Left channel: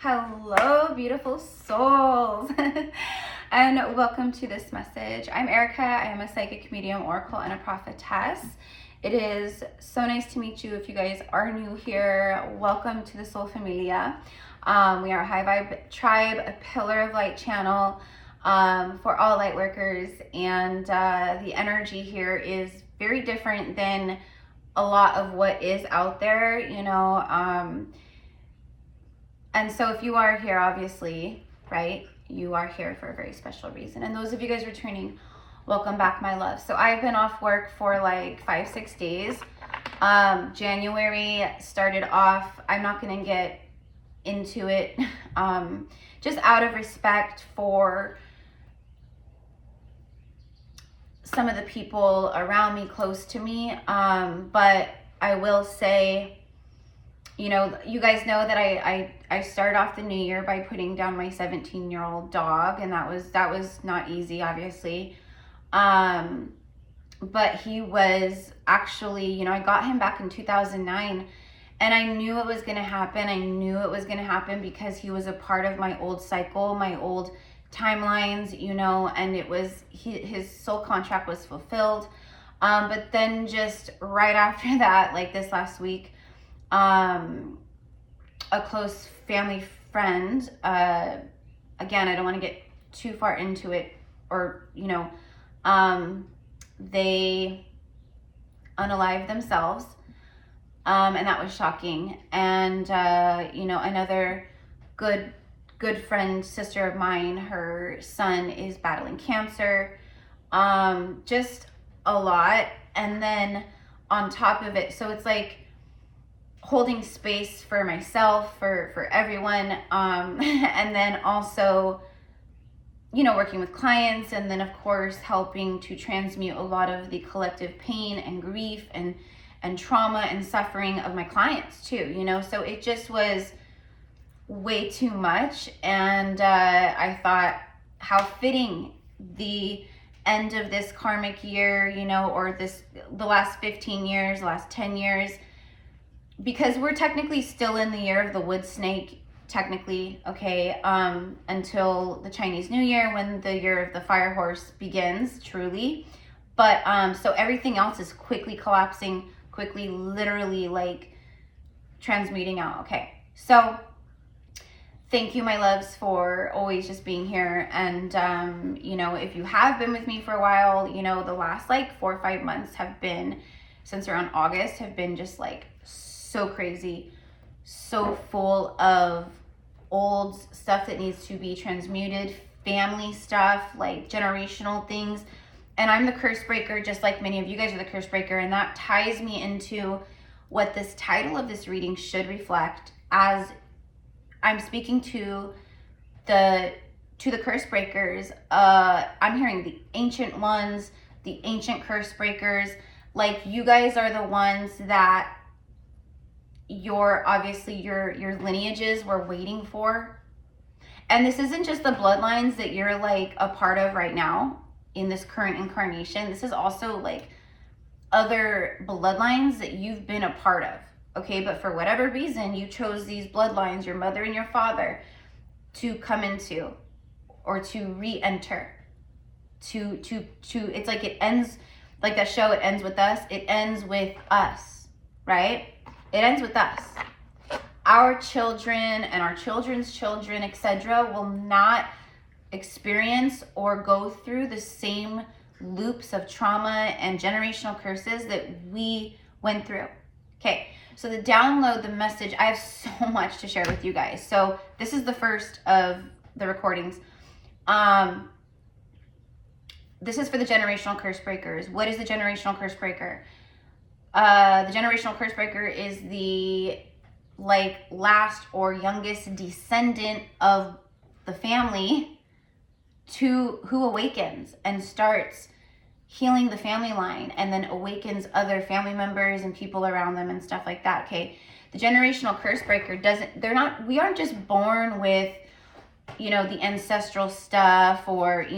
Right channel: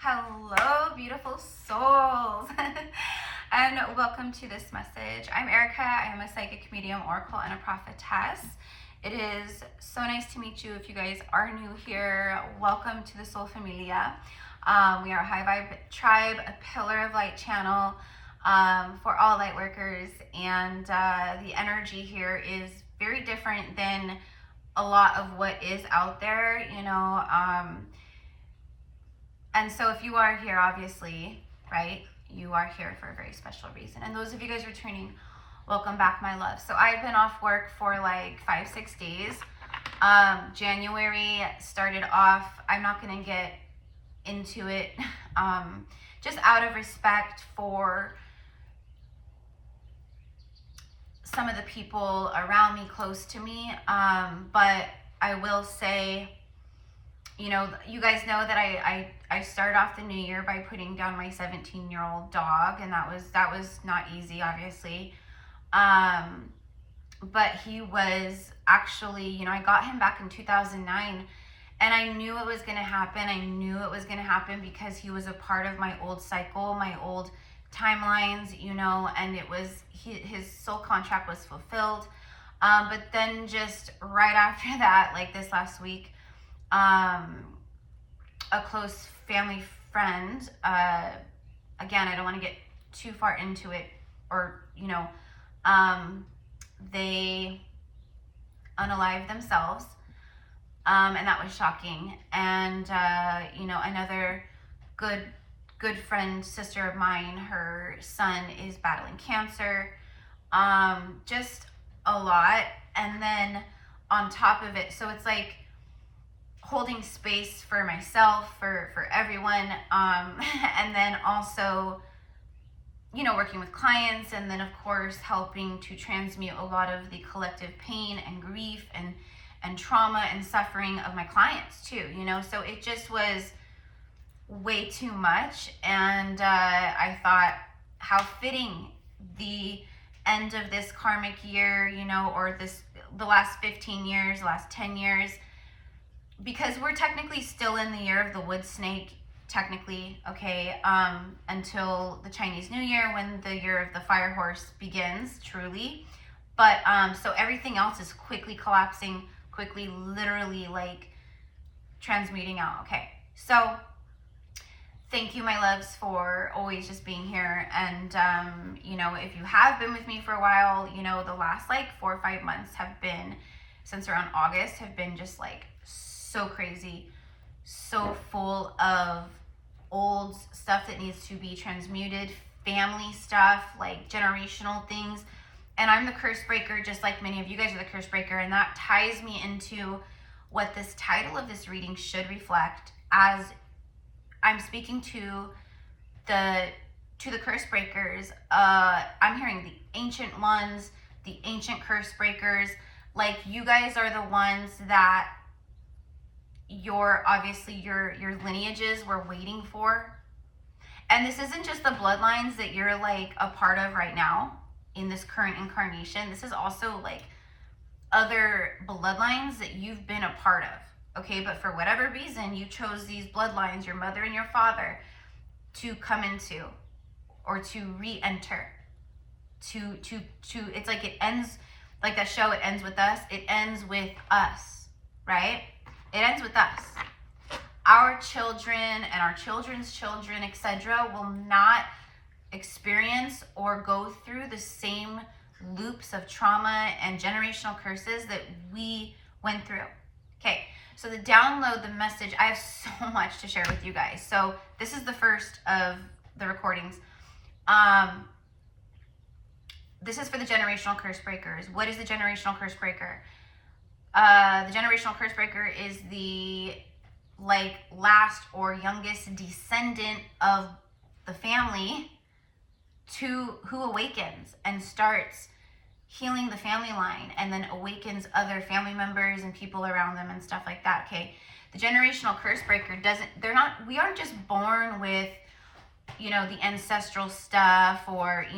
Hello, beautiful souls, and welcome to this message. I'm Erica. I am a psychic medium, oracle, and a prophetess. It is so nice to meet you. If you guys are new here, welcome to the Soul Familia. We are a high vibe tribe, a pillar of light channel for all light workers, and the energy here is very different than a lot of what is out there, and so if you are here, obviously, right, you are here for a very special reason. And those of you guys returning, welcome back, my love. So I've been off work for like 5-6 days. January started off, I'm not going to get into it, just out of respect for some of the people around me, close to me. But I will say, you guys know that I started off the new year by putting down my 17-year-old dog, and that was not easy, obviously. But he was actually, I got him back in 2009, and I knew it was going to happen. I knew it was going to happen because he was a part of my old cycle, my old timelines, and it was, his soul contract was fulfilled. But then just right after that, like this last week, a close family friend, again, I don't want to get too far into it, or, they unalived themselves, and that was shocking. And, another good friend, sister of mine, her son is battling cancer, just a lot. And then on top of it, so it's like holding space for myself, for everyone, and then also, working with clients, and then of course helping to transmute a lot of the collective pain and grief and trauma and suffering of my clients too, so it just was way too much. And I thought, how fitting the end of this karmic year, or the last 15 years, last 10 years, because we're technically still in the year of the wood snake, technically, okay, until the Chinese New Year, when the year of the fire horse begins, truly. But so everything else is quickly collapsing, quickly, literally, like transmuting out. Okay, so thank you, my loves, for always just being here. And if you have been with me for a while, the last like 4 or 5 months have been, since around August, have been just like so crazy, so full of old stuff that needs to be transmuted, family stuff, like generational things. And I'm the Cursebreaker, just like many of you guys are the Cursebreaker, and that ties me into what this title of this reading should reflect, as I'm speaking to the Cursebreakers. I'm hearing the ancient ones, the ancient Cursebreakers. Like, you guys are the ones that your lineages were waiting for. And this isn't just the bloodlines that you're like a part of right now in this current incarnation. This is also like other bloodlines that you've been a part of, okay? But for whatever reason, you chose these bloodlines, your mother and your father, to come into, or to re-enter, to it's like it ends, like that show, It Ends With Us. It ends with us, right? It ends with us. Our children and our children's children, etc., will not experience or go through the same loops of trauma and generational curses that we went through. Okay, so the download, the message, I have so much to share with you guys. So this is the first of the recordings. This is for the generational curse breakers. What is the generational curse breaker? The generational curse breaker is the last or youngest descendant of the family who awakens and starts healing the family line, and then awakens other family members and people around them and stuff like that. Okay, the generational curse breaker we aren't just born with the ancestral stuff, or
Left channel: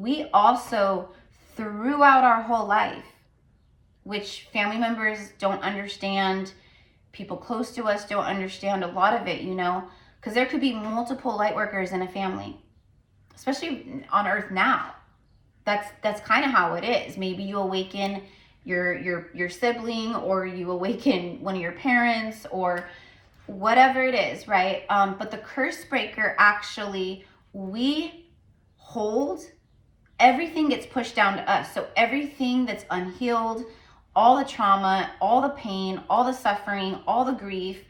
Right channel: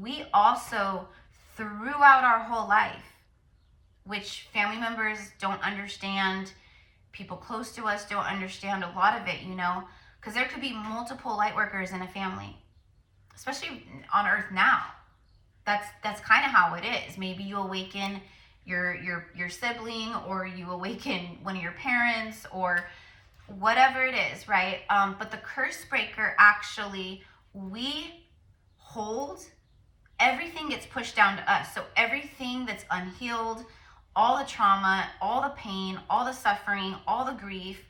we also, throughout our whole life, which family members don't understand, people close to us don't understand a lot of it, Because there could be multiple light workers in a family, especially on earth now. That's kind of how it is. Maybe you awaken your sibling, or you awaken one of your parents, or whatever it is, right? But the Cursebreaker, actually, we hold, everything gets pushed down to us. So everything that's unhealed, all the trauma, all the pain, all the suffering, all the grief,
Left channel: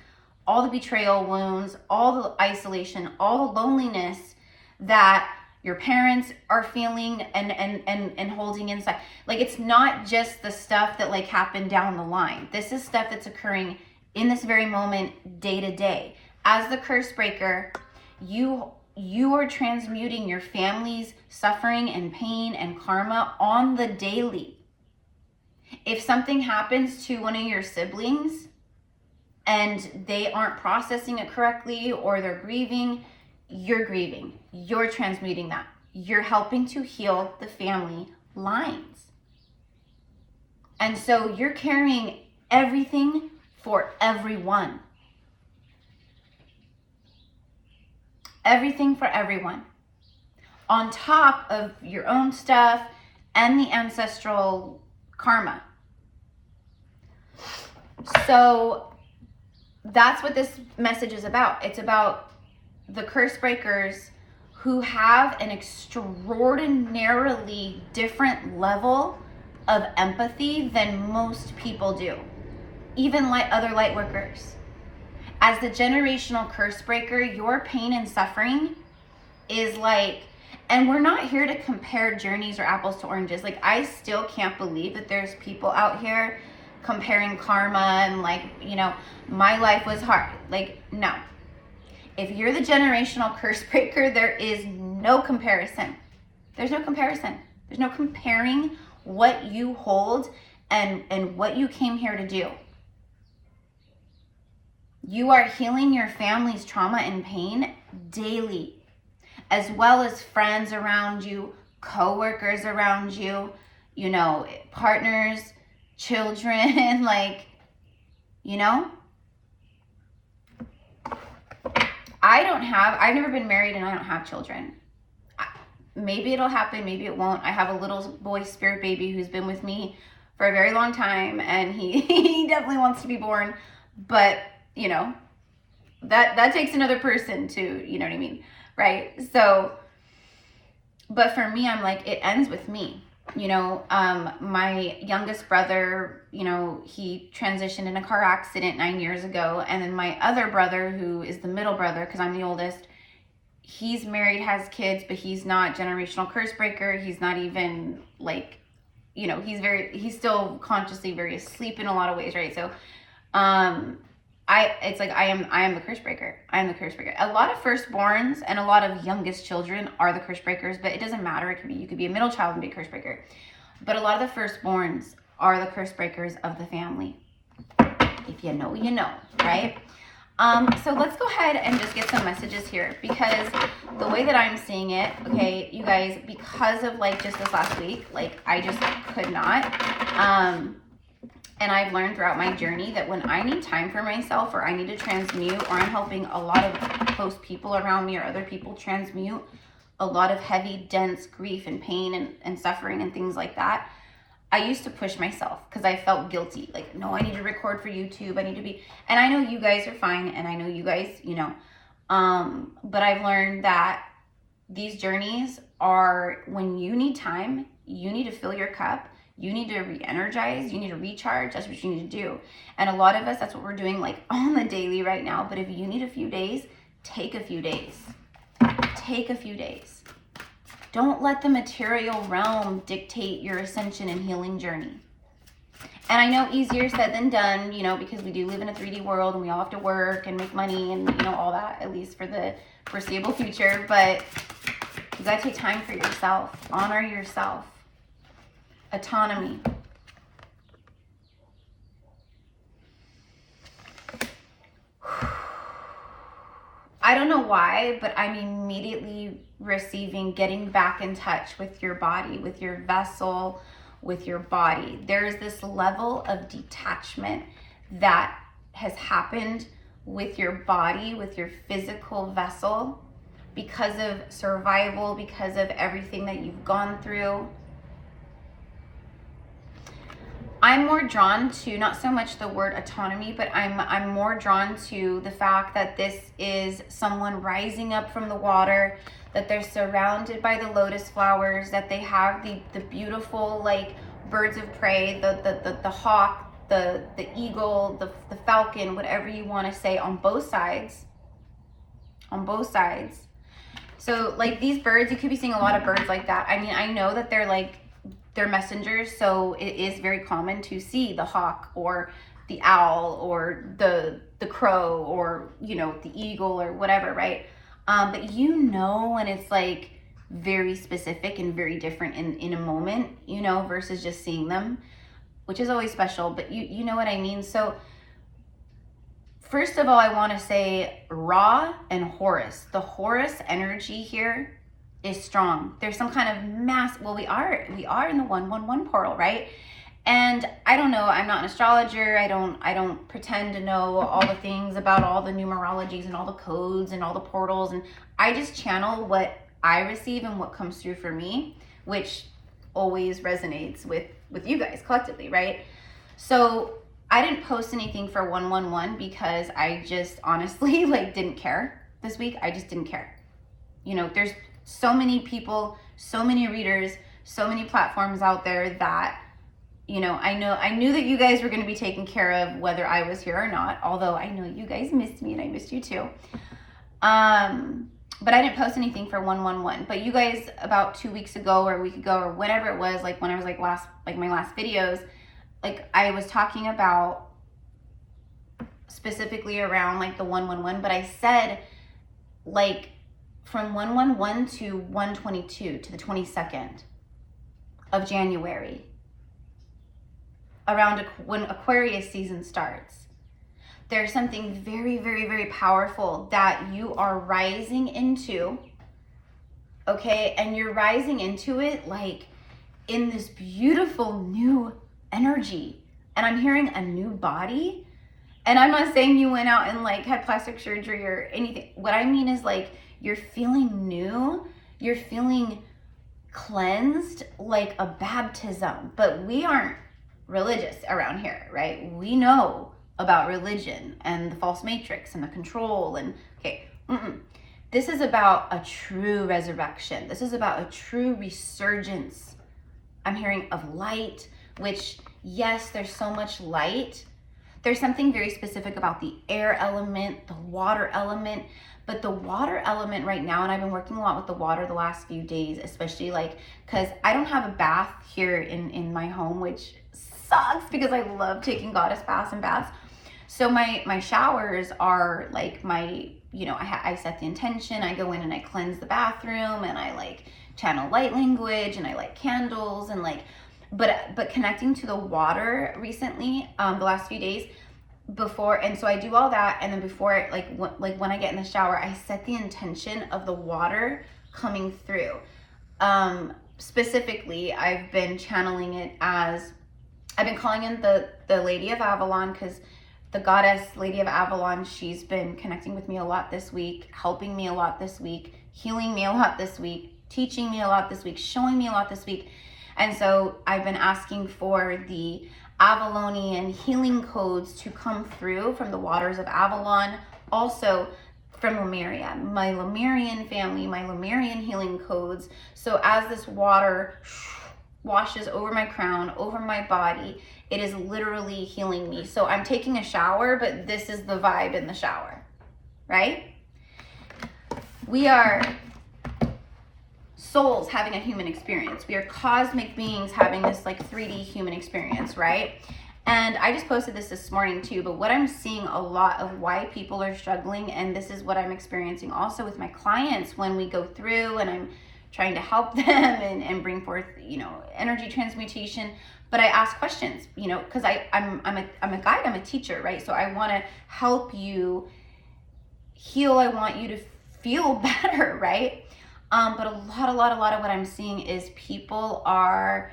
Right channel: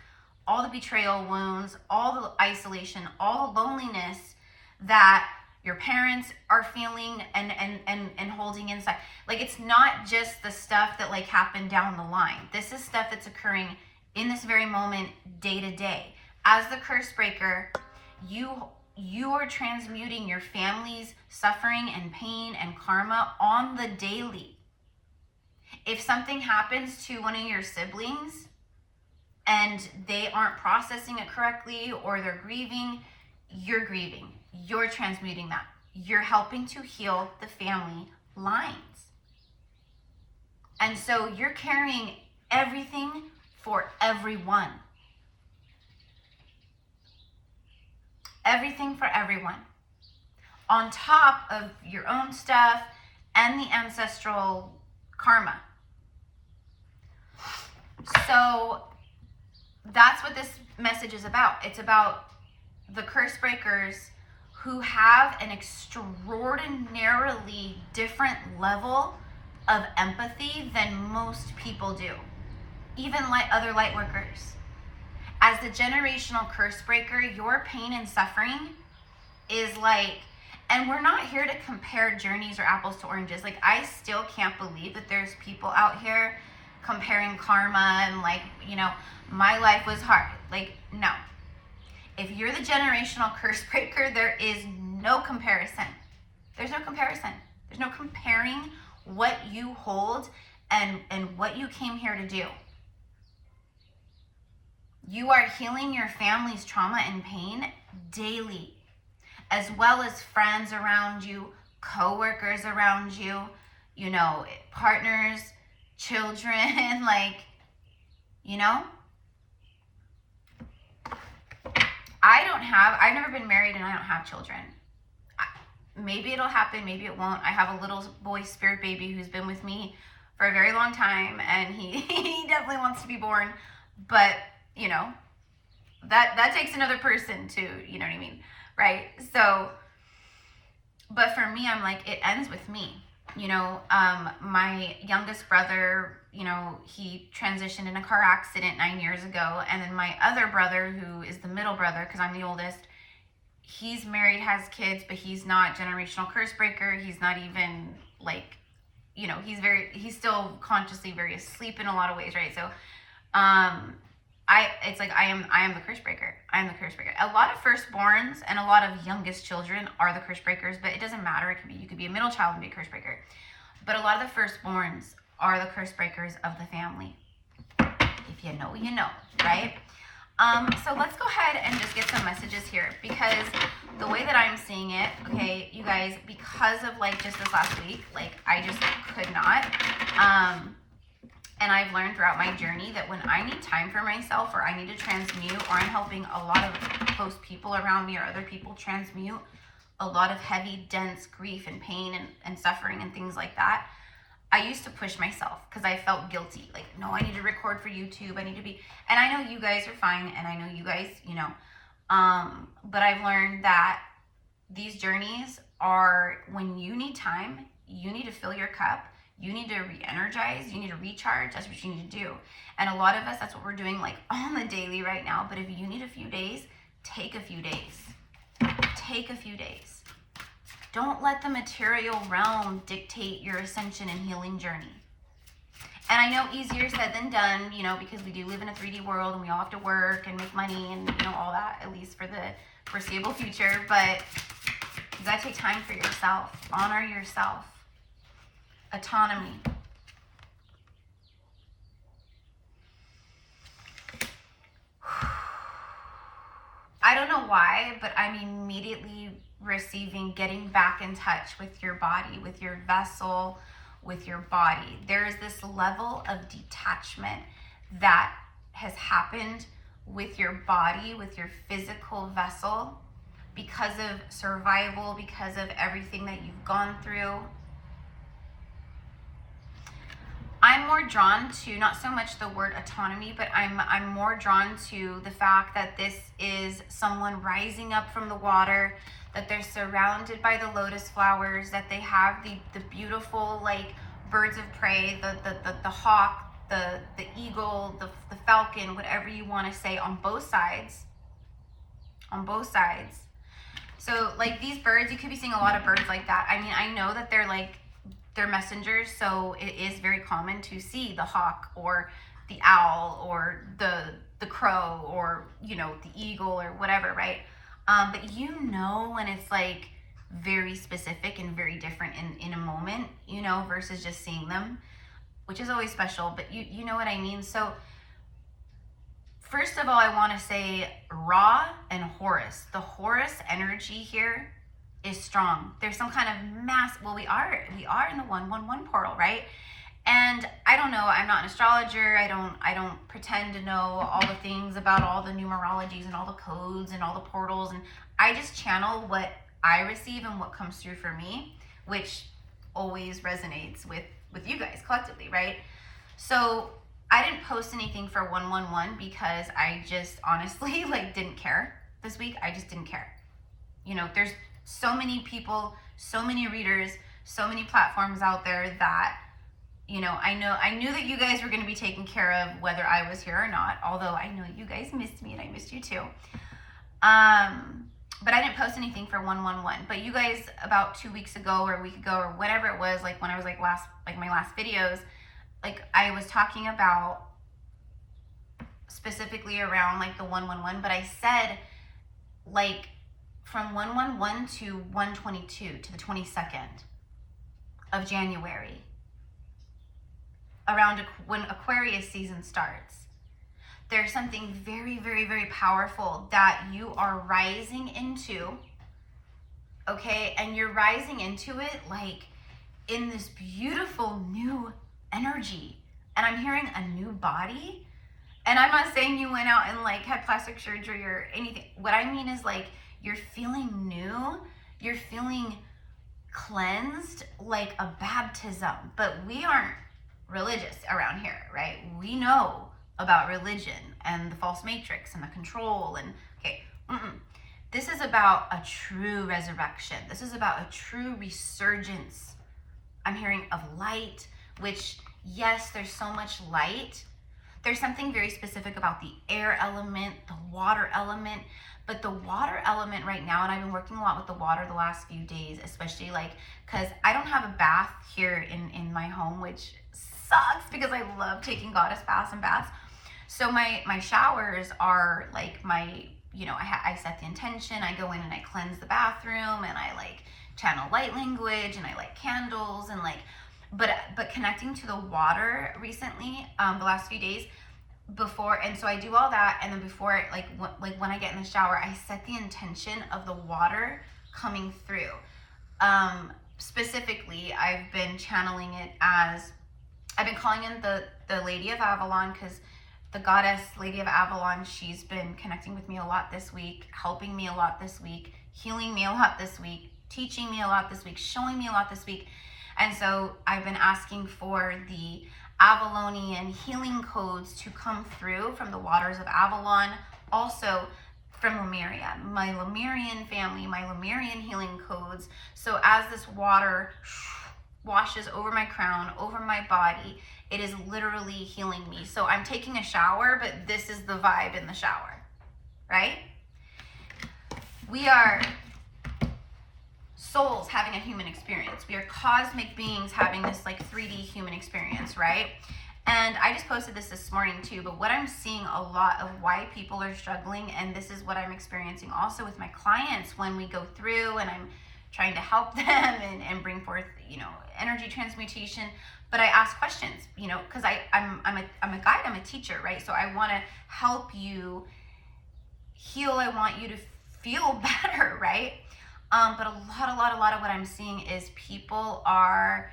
all the betrayal wounds, all the isolation, all the loneliness that your parents are feeling and holding inside. Like, it's not just the stuff that like happened down the line. This is stuff that's occurring in this very moment, day to day. As the Cursebreaker, you are transmuting your family's suffering and pain and karma on the daily. If something happens to one of your siblings and they aren't processing it correctly, or they're grieving, you're transmuting that. You're helping to heal the family lines. And so you're carrying everything for everyone. Everything for everyone. On top of your own stuff and the ancestral karma. So that's what this message is about. It's about the Cursebreakers who have an extraordinarily different level of empathy than most people do, even other light workers. As the generational Cursebreaker, your pain and suffering is like, and we're not here to compare journeys or apples to oranges. Like, I still can't believe that there's people out here comparing karma and like, you know, my life was hard. Like, no. If you're the generational Cursebreaker, there is no comparison. There's no comparison. There's no comparing what you hold and what you came here to do. You are healing your family's trauma and pain daily, as well as friends around you, co-workers around you, you know, partners, children, like, you know. I've never been married and I don't have children. Maybe it'll happen, maybe it won't. I have a little boy spirit baby who's been with me for a very long time, and he definitely wants to be born, but you know, that takes another person to, you know what I mean, right? So, but for me, I'm like, it ends with me. You know, my youngest brother, you know, he transitioned in a car accident 9 years ago. And then my other brother, who is the middle brother, because I'm the oldest, he's married, has kids, but he's not generational Cursebreaker. He's not even like, you know, he's still consciously very asleep in a lot of ways, right? So, it's like I am the Cursebreaker. I am the Cursebreaker. A lot of firstborns and a lot of youngest children are the Cursebreakers, but it doesn't matter. You could be a middle child and be a Cursebreaker. But a lot of the firstborns are the Cursebreakers of the family. If you know, you know, right? So let's go ahead and just get some messages here, because the way that I'm seeing it, okay, you guys, because of like just this last week, like I just could not. And I've learned throughout my journey that when I need time for myself, or I need to transmute, or I'm helping a lot of close people around me or other people transmute a lot of heavy, dense grief and pain and suffering and things like that, I used to push myself because I felt guilty. Like, no, I need to record for YouTube. I need to be, and I know you guys are fine. And I know you guys, you know, but I've learned that these journeys are when you need time, you need to fill your cup. You need to re-energize, you need to recharge, that's what you need to do. And a lot of us, that's what we're doing like on the daily right now. But if you need a few days, take a few days. Take a few days. Don't let the material realm dictate your ascension and healing journey. And I know easier said than done, you know, because we do live in a 3D world and we all have to work and make money and, you know, all that, at least for the foreseeable future. But you gotta take time for yourself, honor yourself. Autonomy. I don't know why, but I'm immediately receiving getting back in touch with your body, with your vessel, with your body. There's this level of detachment that has happened with your body, with your physical vessel, because of survival, because of everything that you've gone through. I'm more drawn to not so much the word autonomy, but I'm more drawn to the fact that this is someone rising up from the water, that they're surrounded by the lotus flowers, that they have the beautiful like birds of prey, the hawk, the eagle, the falcon, whatever you want to say, on both sides. On both sides. So like these birds, you could be seeing a lot of birds like that. I mean, I know that they're messengers, so it is very common to see the hawk or the owl or the crow or, you know, the eagle or whatever, right? But you know when it's like very specific and very different in a moment, you know, versus just seeing them, which is always special, but you know what I mean? So first of all, I want to say Ra and Horus. The Horus energy here is strong. There's some kind of mass, well, we are in the 111 portal, right? And I don't know, I'm not an astrologer. I don't pretend to know all the things about all the numerologies and all the codes and all the portals. And I just channel what I receive and what comes through for me, which always resonates with you guys collectively, right? So I didn't post anything for 111 because I just honestly like didn't care this week. I just didn't care. You know, there's so many people, so many readers, so many platforms out there that, you know, I knew that you guys were going to be taken care of whether I was here or not, although I know you guys missed me and I missed you too. But I didn't post anything for 111. But you guys about 2 weeks ago or a week ago or whenever it was, like when I was like my last videos, like I was talking about specifically around like the 111, but I said like from 111 to 122 to the 22nd of January, around when Aquarius season starts, there's something very, very, very powerful that you are rising into, okay? And you're rising into it like in this beautiful new energy. And I'm hearing a new body. And I'm not saying you went out and like had plastic surgery or anything. What I mean is like you're feeling new, you're feeling cleansed, like a baptism. But we aren't religious around here, right? We know about religion and the false matrix and the control and okay. This is about a true resurrection. This is about a true resurgence. I'm hearing of light, which yes, there's so much light. There's something very specific about the air element, the water element, but the water element right now, and I've been working a lot with the water the last few days, especially like, cause I don't have a bath here in my home, which sucks because I love taking goddess baths and baths. So my showers are like my, you know, I set the intention, I go in and I cleanse the bathroom and I like channel light language and I light candles and like, but connecting to the water recently, the last few days before, and so I do all that, and then before, like when I get in the shower, I set the intention of the water coming through. Specifically, I've been channeling it as, I've been calling in the Lady of Avalon, because the goddess Lady of Avalon, she's been connecting with me a lot this week, helping me a lot this week, healing me a lot this week, teaching me a lot this week, showing me a lot this week. And so I've been asking for the Avalonian healing codes to come through from the waters of Avalon, also from Lemuria, my Lemurian family, my Lemurian healing codes. So as this water washes over my crown, over my body, it is literally healing me. So I'm taking a shower, but this is the vibe in the shower, right? We are souls having a human experience. We are cosmic beings having this like 3D human experience, right? And I just posted this morning too, but what I'm seeing a lot of why people are struggling, and this is what I'm experiencing also with my clients when we go through and I'm trying to help them and bring forth, you know, energy transmutation. But I ask questions, you know, because I'm a guide, I'm a teacher, right? So I want to help you heal. I want you to feel better, right? But a lot of what I'm seeing is people are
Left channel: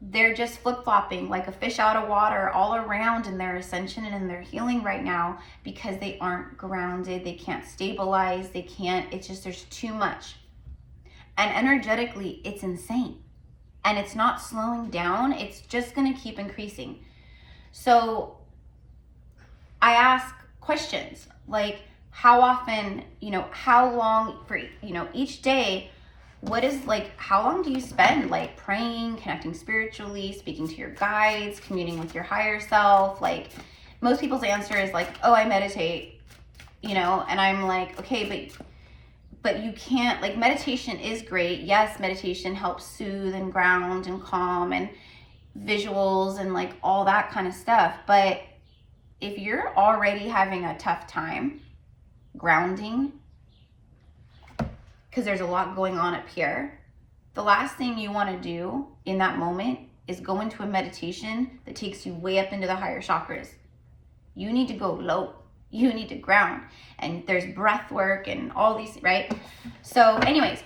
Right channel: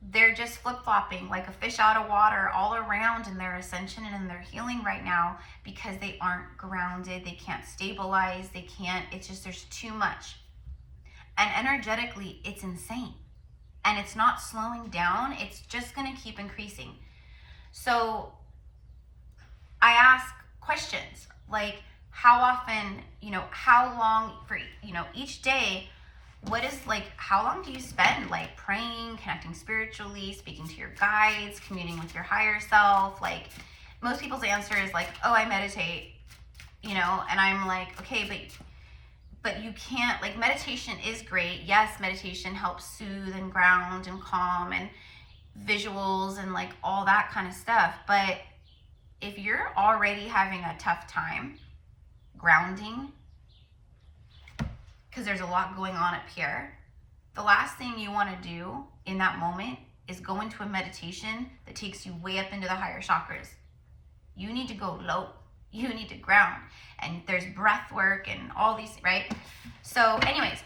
they're just flip-flopping like a fish out of water all around in their ascension and in their healing right now because they aren't grounded, they can't stabilize, they can't, it's just, there's too much. And energetically, it's insane. And it's not slowing down, it's just gonna keep increasing. So I ask questions like, how often, you know, how long for, you know, each day, what is like, how long do you spend like praying, connecting spiritually, speaking to your guides, communing with your higher self? Like, most people's answer is like, oh, I meditate, you know, and I'm like, okay, but you can't, like, meditation is great. Yes, meditation helps soothe and ground and calm and visuals and like all that kind of stuff. But if you're already having a tough time grounding, because there's a lot going on up here, the last thing you want to do in that moment is go into a meditation that takes you way up into the higher chakras. You need to go low. You need to ground. And there's breath work and all these, right? So anyways,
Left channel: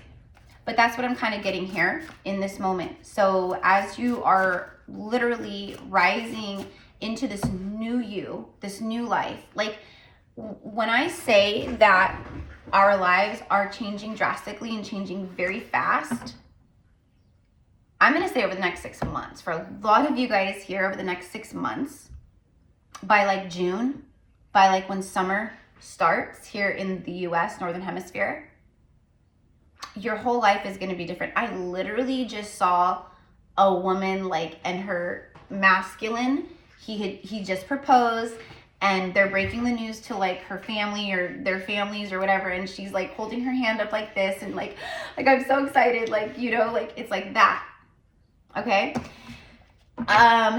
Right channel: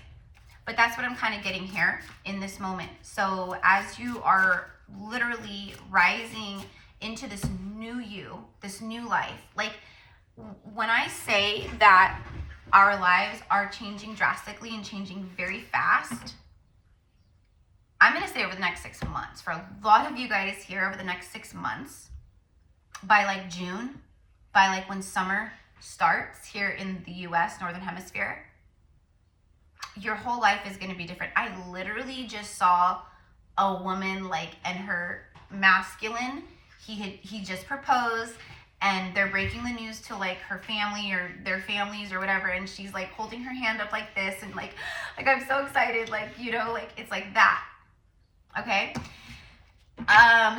but that's what I'm kind of getting here in this moment. So as you are literally rising into this new you, this new life, like when I say that our lives are changing drastically and changing very fast, I'm going to say over the next 6 months. For a lot of you guys here, over the next 6 months, by like June, by like when summer starts here in the US, Northern Hemisphere, your whole life is going to be different. I literally just saw a woman like, and her masculine, he just proposed, and they're breaking the news to like her family or their families or whatever, and she's like holding her hand up like this and like I'm so excited, like, you know, like it's like that. Okay.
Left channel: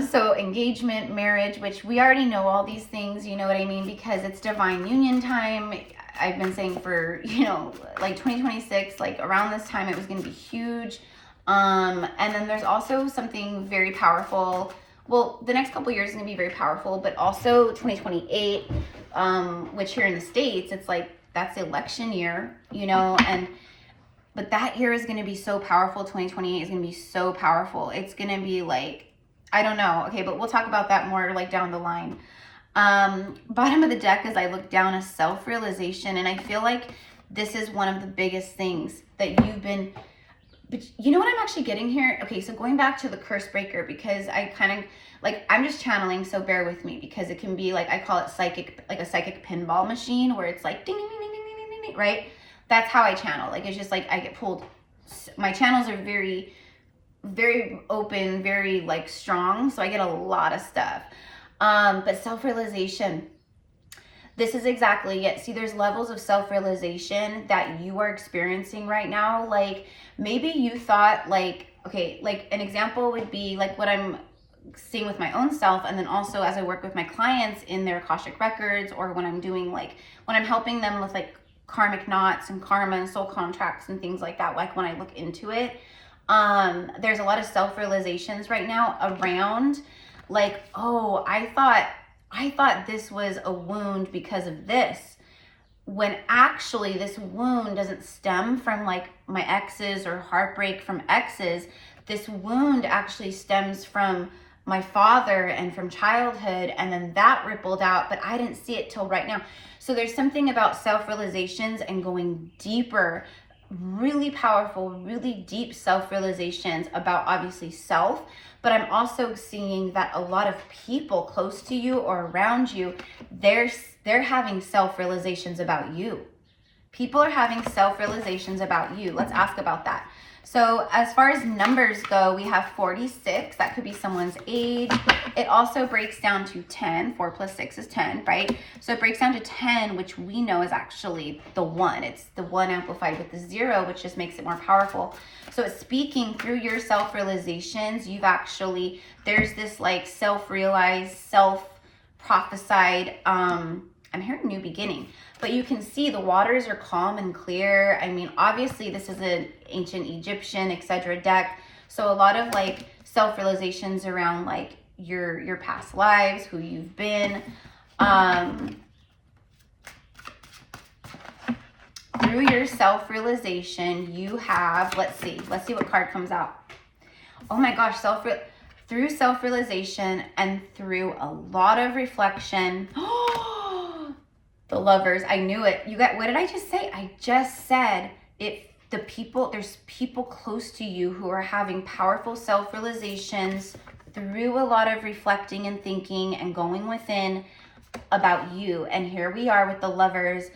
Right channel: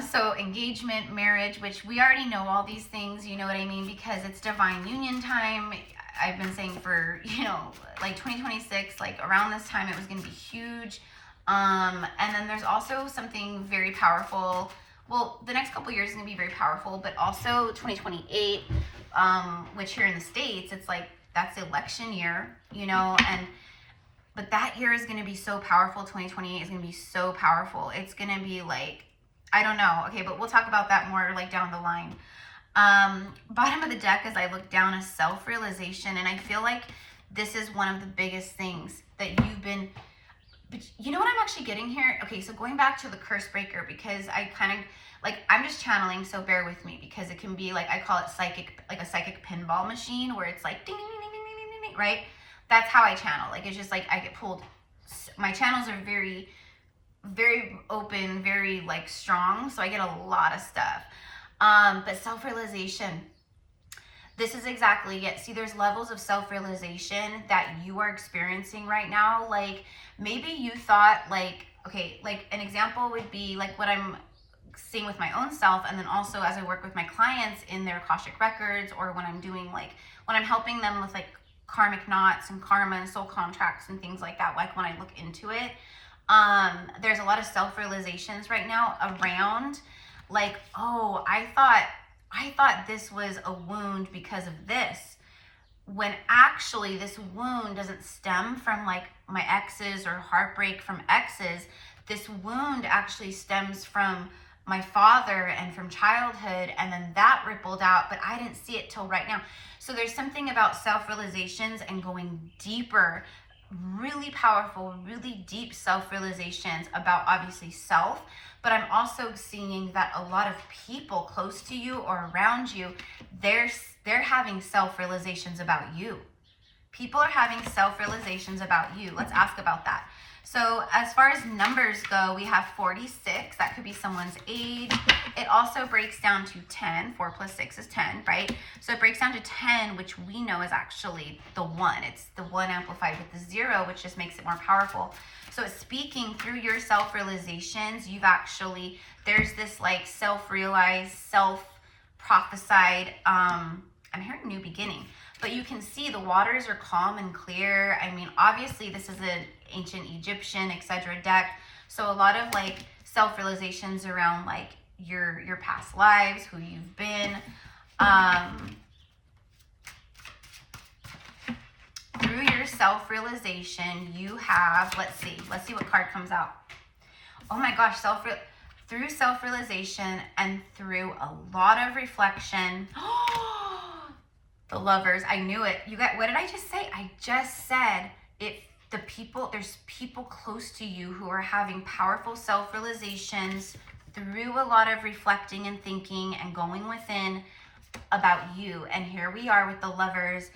So engagement, marriage, which we already know all these things, you know what I mean, because it's divine union time. I've been saying for, you know, like 2026, like around this time it was going to be huge. And then there's also something very powerful. Well, the next couple years is going to be very powerful, but also 2028, which here in the States, it's like, that's the election year, you know, but that year is going to be so powerful. 2028 is going to be so powerful. It's going to be like, I don't know. Okay, but we'll talk about that more like down the line. Bottom of the deck, as I look down, is self-realization. And I feel like this is one of the biggest things that you've been, but you know what I'm actually getting here? Okay, so going back to the Cursebreaker, because I kind of, like, I'm just channeling, so bear with me, because it can be like, I call it psychic, like a psychic pinball machine, where it's like, ding, ding, ding, ding, ding, ding, ding, ding, right? That's how I channel. Like, it's just like, I get pulled. My channels are very, very open, very like strong, so I get a lot of stuff. But self-realization, this is exactly it. See, there's levels of self-realization that you are experiencing right now. Like, maybe you thought like, okay, like an example would be like what I'm seeing with my own self, and then also as I work with my clients in their Akashic records, or when I'm doing like, when I'm helping them with like karmic knots and karma and soul contracts and things like that, like when I look into it, there's a lot of self-realizations right now around like, oh, I thought this was a wound because of this, when actually this wound doesn't stem from like my exes or heartbreak from exes. This wound actually stems from my father and from childhood, and then that rippled out, but I didn't see it till right now. So there's something about self-realizations and going deeper, really powerful, really deep self-realizations about obviously self, but I'm also seeing that a lot of people close to you or around you, they're having self-realizations about you. People are having self-realizations about you. Let's ask about that. So as far as numbers go, we have 46. That could be someone's age. It also breaks down to 10. 4 plus 6 is 10, right? So it breaks down to 10, which we know is actually the 1. It's the 1 amplified with the 0, which just makes it more powerful. So it's speaking through your self-realizations. You've actually, there's this like self-realized, self-prophesied, I'm hearing new beginning, but you can see the waters are calm and clear. I mean, obviously this is an ancient Egyptian, etc. deck. So a lot of like self-realizations around like your past lives, who you've been. Through your self-realization, you have, let's see what card comes out. Oh my gosh, through self-realization and through a lot of reflection. The Lovers, I knew it. You got, what did I just say? I just said it. There's people close to you who are having powerful self-realizations through a lot of reflecting and thinking and going within about you. And here we are with the Lovers.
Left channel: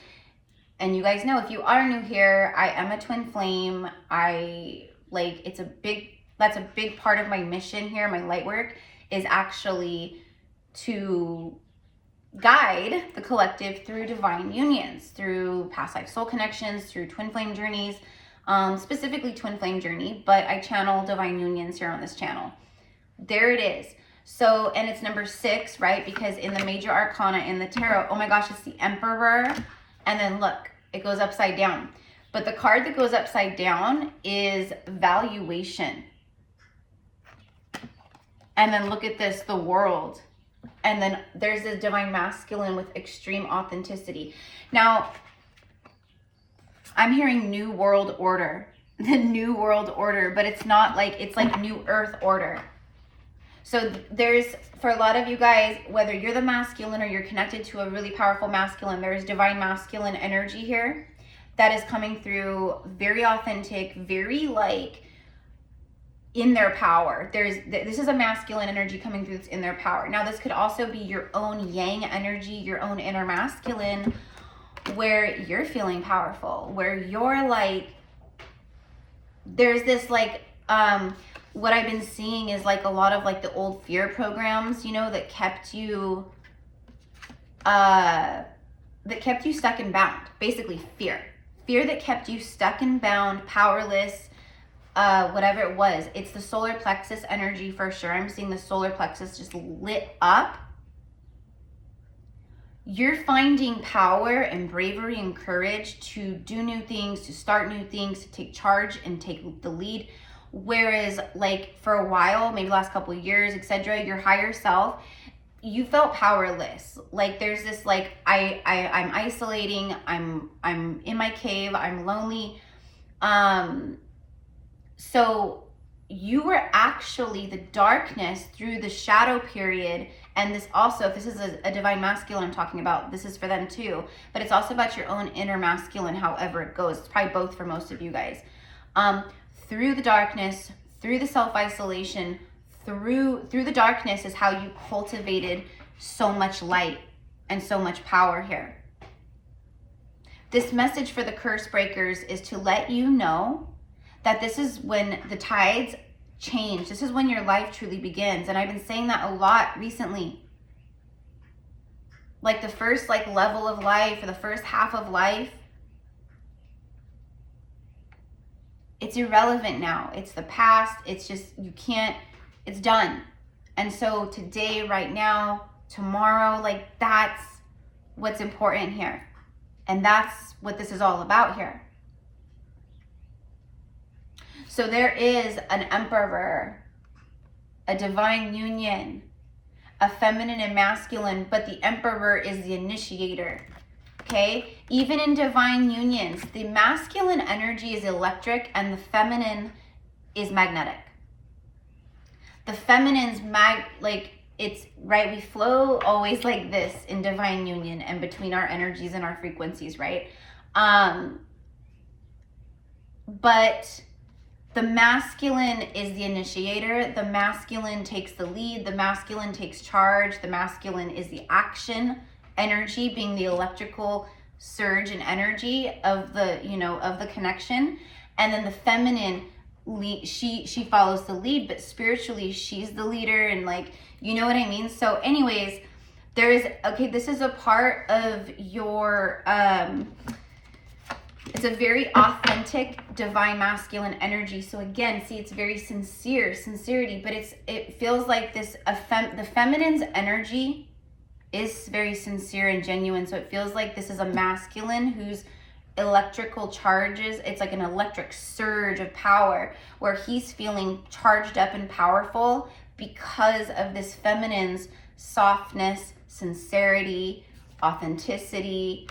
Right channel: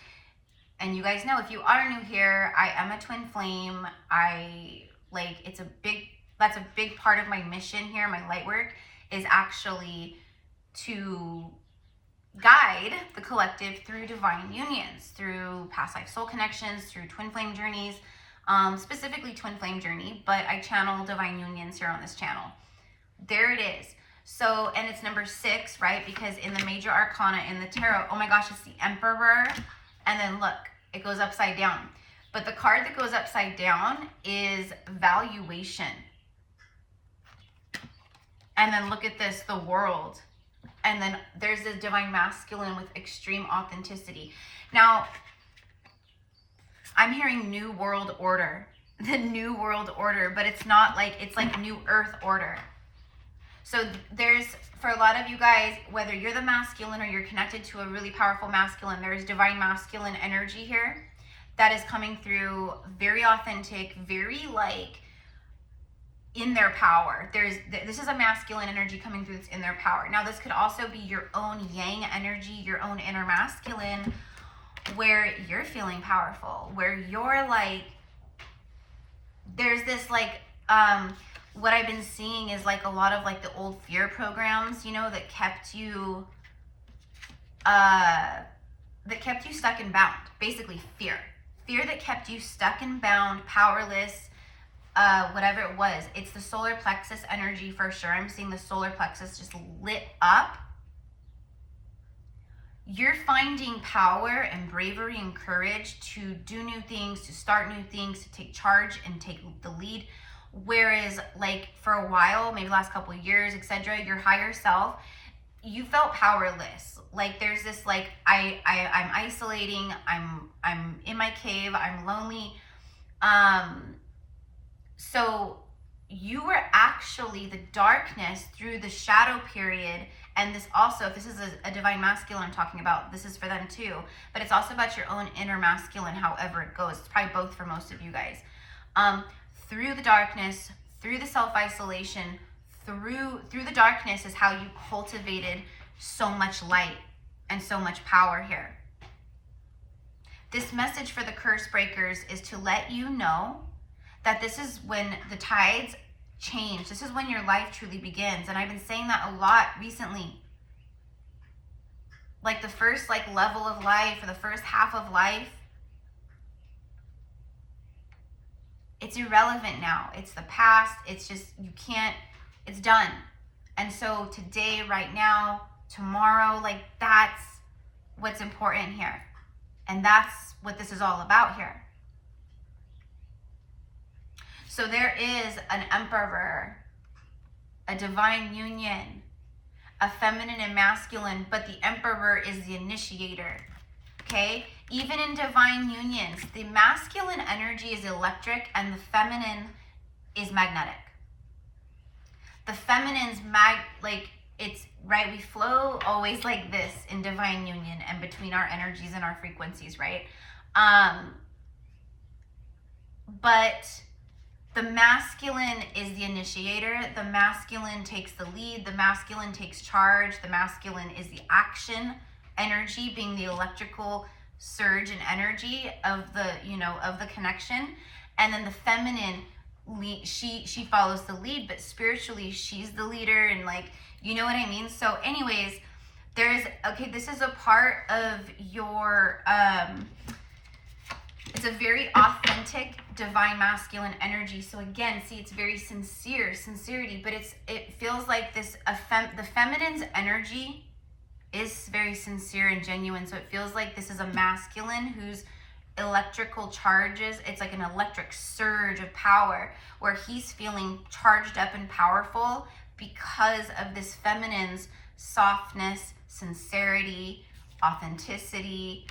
And you guys know, if you are new here, I am a twin flame. That's a big part of my mission here. My light work is actually to guide the collective through divine unions, through past life soul connections, through twin flame journeys, specifically twin flame journey, but I channel divine unions here on this channel. There it is. So, and it's number 6, right? Because in the major arcana in the tarot, oh my gosh, it's the Emperor. And then look, it goes upside down. But the card that goes upside down is valuation. And then look at this, the World. And then there's this divine masculine with extreme authenticity. Now, I'm hearing new world order, the new world order, but it's not like, it's like new earth order. So there's, for a lot of you guys, whether you're the masculine or you're connected to a really powerful masculine, there's divine masculine energy here that is coming through, very authentic, very like in their power. This is a masculine energy coming through that's in their power. Now this could also be your own yang energy, your own inner masculine, where you're feeling powerful, where you're like, there's this like, what I've been seeing is like a lot of like the old fear programs, you know, that kept you stuck and bound. Basically fear that kept you stuck and bound, powerless, whatever it was. It's the solar plexus energy for sure. I'm seeing the solar plexus just lit up. You're finding power and bravery and courage to do new things, to start new things, to take charge and take the lead. Whereas like for a while, maybe the last couple of years, etc., your higher self, you felt powerless. Like there's this like, I'm isolating, I'm in my cave, I'm lonely. So you were actually the darkness through the shadow period. And this also, if this is a divine masculine I'm talking about, this is for them too. But it's also about your own inner masculine, however it goes. It's probably both for most of you guys. Through the darkness, through the self-isolation, through the darkness is how you cultivated so much light and so much power here. This message for the curse breakers is to let you know that this is when the tides change. This is when your life truly begins. And I've been saying that a lot recently. Like the first like level of life, or the first half of life, it's irrelevant now. It's the past. It's just, you can't, it's done. And so today, right now, tomorrow, like that's what's important here. And that's what this is all about here. So there is an Emperor, a divine union, a feminine and masculine, but the Emperor is the initiator. Okay, even in divine unions, the masculine energy is electric and the feminine is magnetic. The feminine's it's right, we flow always like this in divine union and between our energies and our frequencies, right? But the masculine is the initiator. The masculine takes the lead. The masculine takes charge. The masculine is the action energy, being the electrical surge and energy of the, you know, of the connection. And then the feminine, she follows the lead, but spiritually she's the leader, and like, you know what I mean? So anyways, there is, okay, this is a part of your, it's a very authentic divine masculine energy. So again, see, it's very sincerity, but it feels like this, the feminine's energy is very sincere and genuine. So it feels like this is a masculine whose electrical charges, it's like an electric surge of power where he's feeling charged up and powerful because of this feminine's softness, sincerity, authenticity.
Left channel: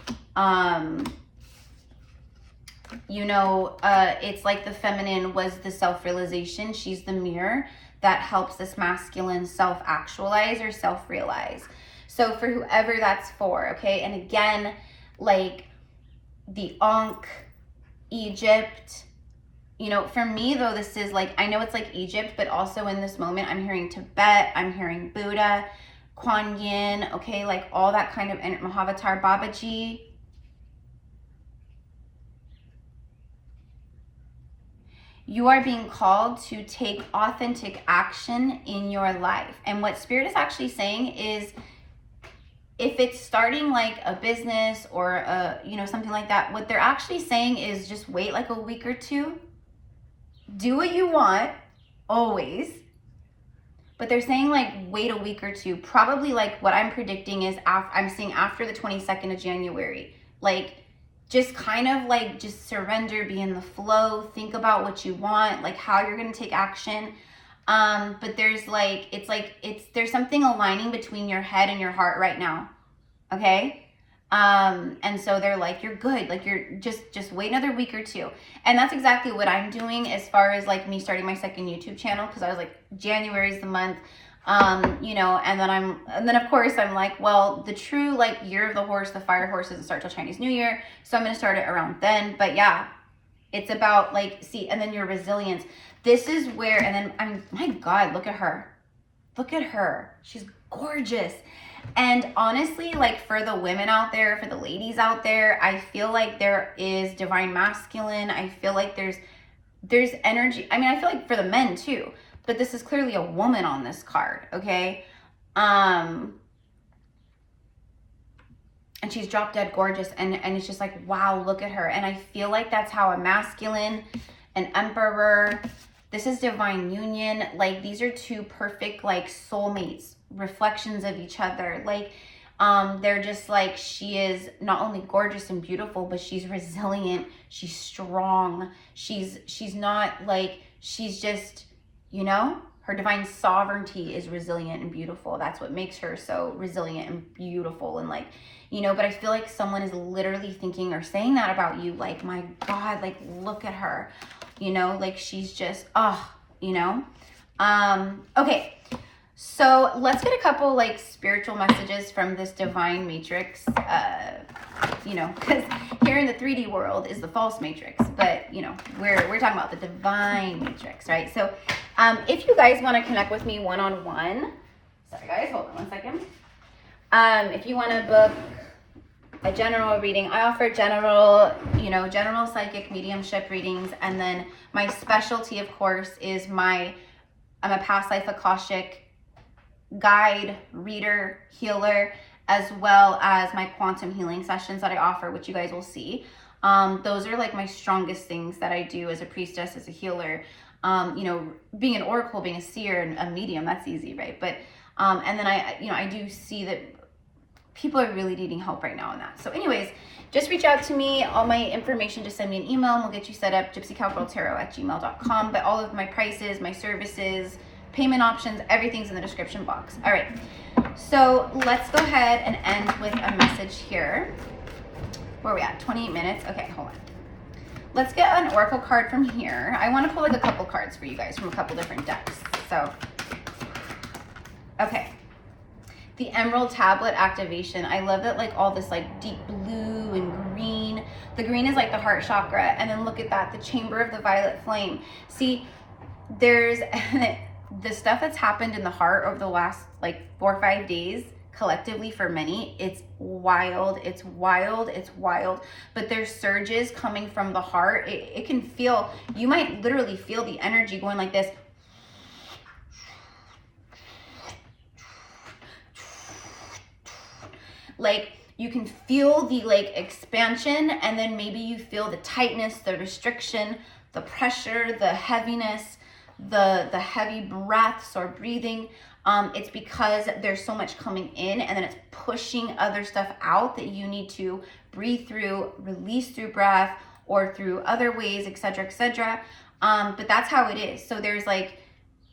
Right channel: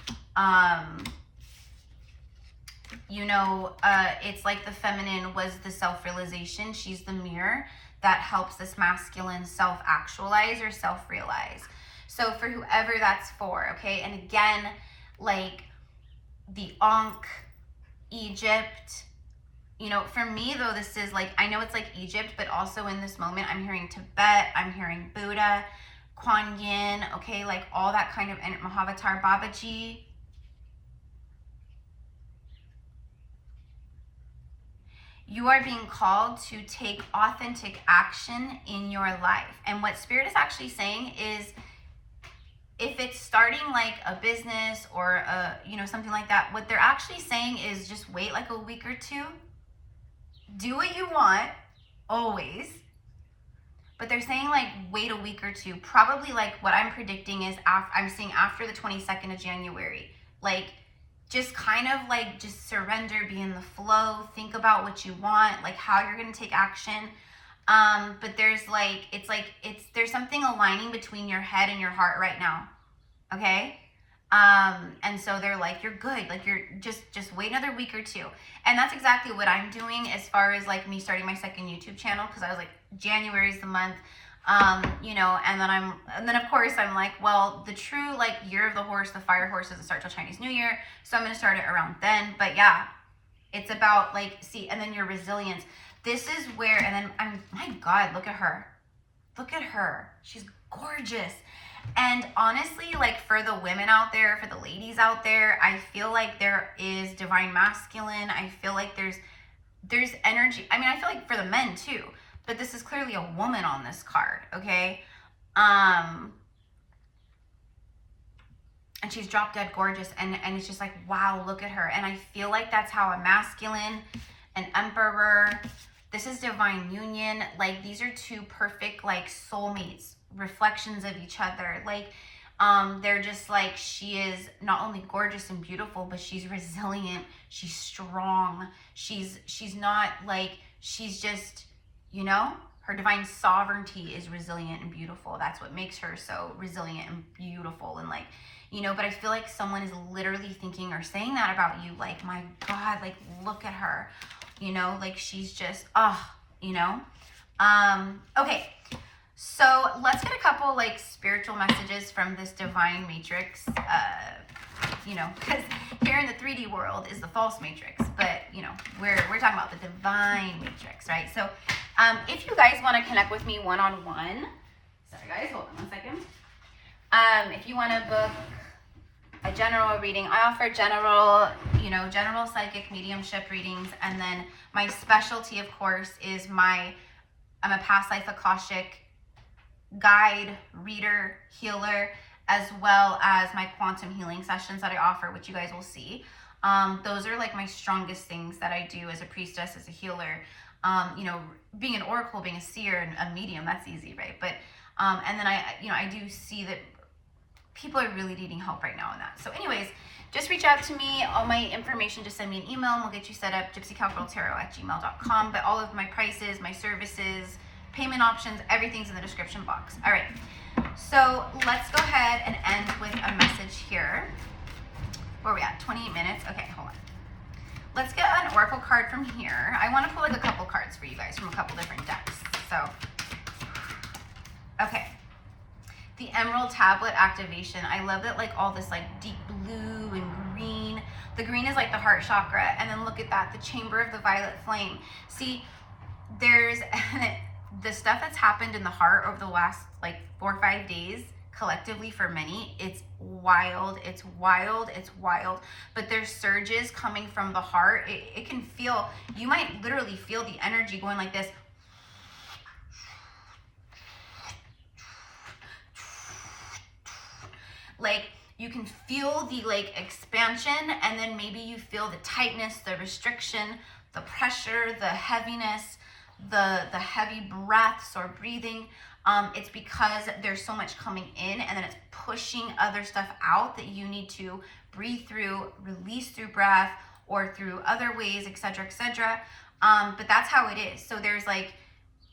You know, it's like the feminine was the self-realization. She's the mirror. that helps this masculine self-actualize or self-realize. So for whoever that's for, okay? And again, like the Ankh, Egypt, you know, for me though, this is like, I know it's like Egypt, but also in this moment, I'm hearing Tibet, I'm hearing Buddha, Kuan Yin, okay, like all that kind of, and Mahavatar Babaji. You are being called to take authentic action in your life. And what Spirit is actually saying is, if it's starting like a business or a, you know, something like that, what they're actually saying is just wait like a week or two. Do what you want, always. But they're saying like wait a week or two. Probably like what I'm predicting is I'm seeing after the 22nd of January. Like just kind of like just surrender, be in the flow, think about what you want, like how you're gonna take action. But there's like, there's something aligning between your head and your heart right now, okay? And so they're like, you're good, like you're just wait another week or two. And that's exactly what I'm doing as far as like me starting my second YouTube channel, because I was like, January's the month, you know, and then of course I'm like, well, the true like year of the horse, the fire horse, doesn't start till Chinese New Year, so I'm gonna start it around then. But yeah, it's about like, see, and then your resilience. This is where, and then my God, look at her. Look at her. She's gorgeous. And honestly, like for the women out there, for the ladies out there, I feel like there is divine masculine. I feel like there's energy. I mean, I feel like for the men too, but this is clearly a woman on this card, okay? And she's drop dead gorgeous, and it's just like, wow, look at her. And I feel like that's how a masculine, an emperor, this is divine union. Like these are two perfect like soulmates, reflections of each other. Like they're just like, she is not only gorgeous and beautiful, but she's resilient, she's strong, she's not like, she's just, you know, her divine sovereignty is resilient and beautiful. That's what makes her so resilient and beautiful. And like, you know, but I feel like someone is literally thinking or saying that about you. Like, my God, like, look at her, you know, like she's just, you know? Okay. So let's get a couple like spiritual messages from this divine matrix, you know, because here in the 3D world is the false matrix, but you know, we're talking about the divine matrix, right? So if you guys want to connect with me one-on-one, sorry guys, hold on one second. If you want to book a general reading, I offer general, you know, general psychic mediumship readings, and then my specialty, of course, is I'm a past life Akashic guide, reader, healer, as well as my quantum healing sessions that I offer, which you guys will see. Those are like my strongest things that I do as a priestess, as a healer. You know, being an oracle, being a seer and a medium, that's easy, right? But and then I do see that people are really needing help right now in that. So anyways, just reach out to me. All my information, just send me an email and we'll get you set up, gypsycowgirltarot@gmail.com. But all of my prices, my services, payment options, everything's in the description box. All right, so let's go ahead and end with a message here. Where are we at? 28 minutes? Okay, hold on. Let's get an oracle card from here. I want to pull like a couple cards for you guys from a couple different decks. So, okay. The Emerald Tablet activation. I love that, like all this like deep blue and green. The green is like the heart chakra. And then look at that, the chamber of the violet flame. See, there's the stuff that's happened in the heart over the last like 4 or 5 days collectively for many. It's wild, it's wild, it's wild. But there's surges coming from the heart. It can feel, you might literally feel the energy going like this. Like you can feel the like expansion, and then maybe you feel the tightness, the restriction, the pressure, the heaviness, the heavy breaths or breathing. It's because there's so much coming in, and then it's pushing other stuff out that you need to breathe through, release through breath or through other ways, etc., etc. But that's how it is. So there's like,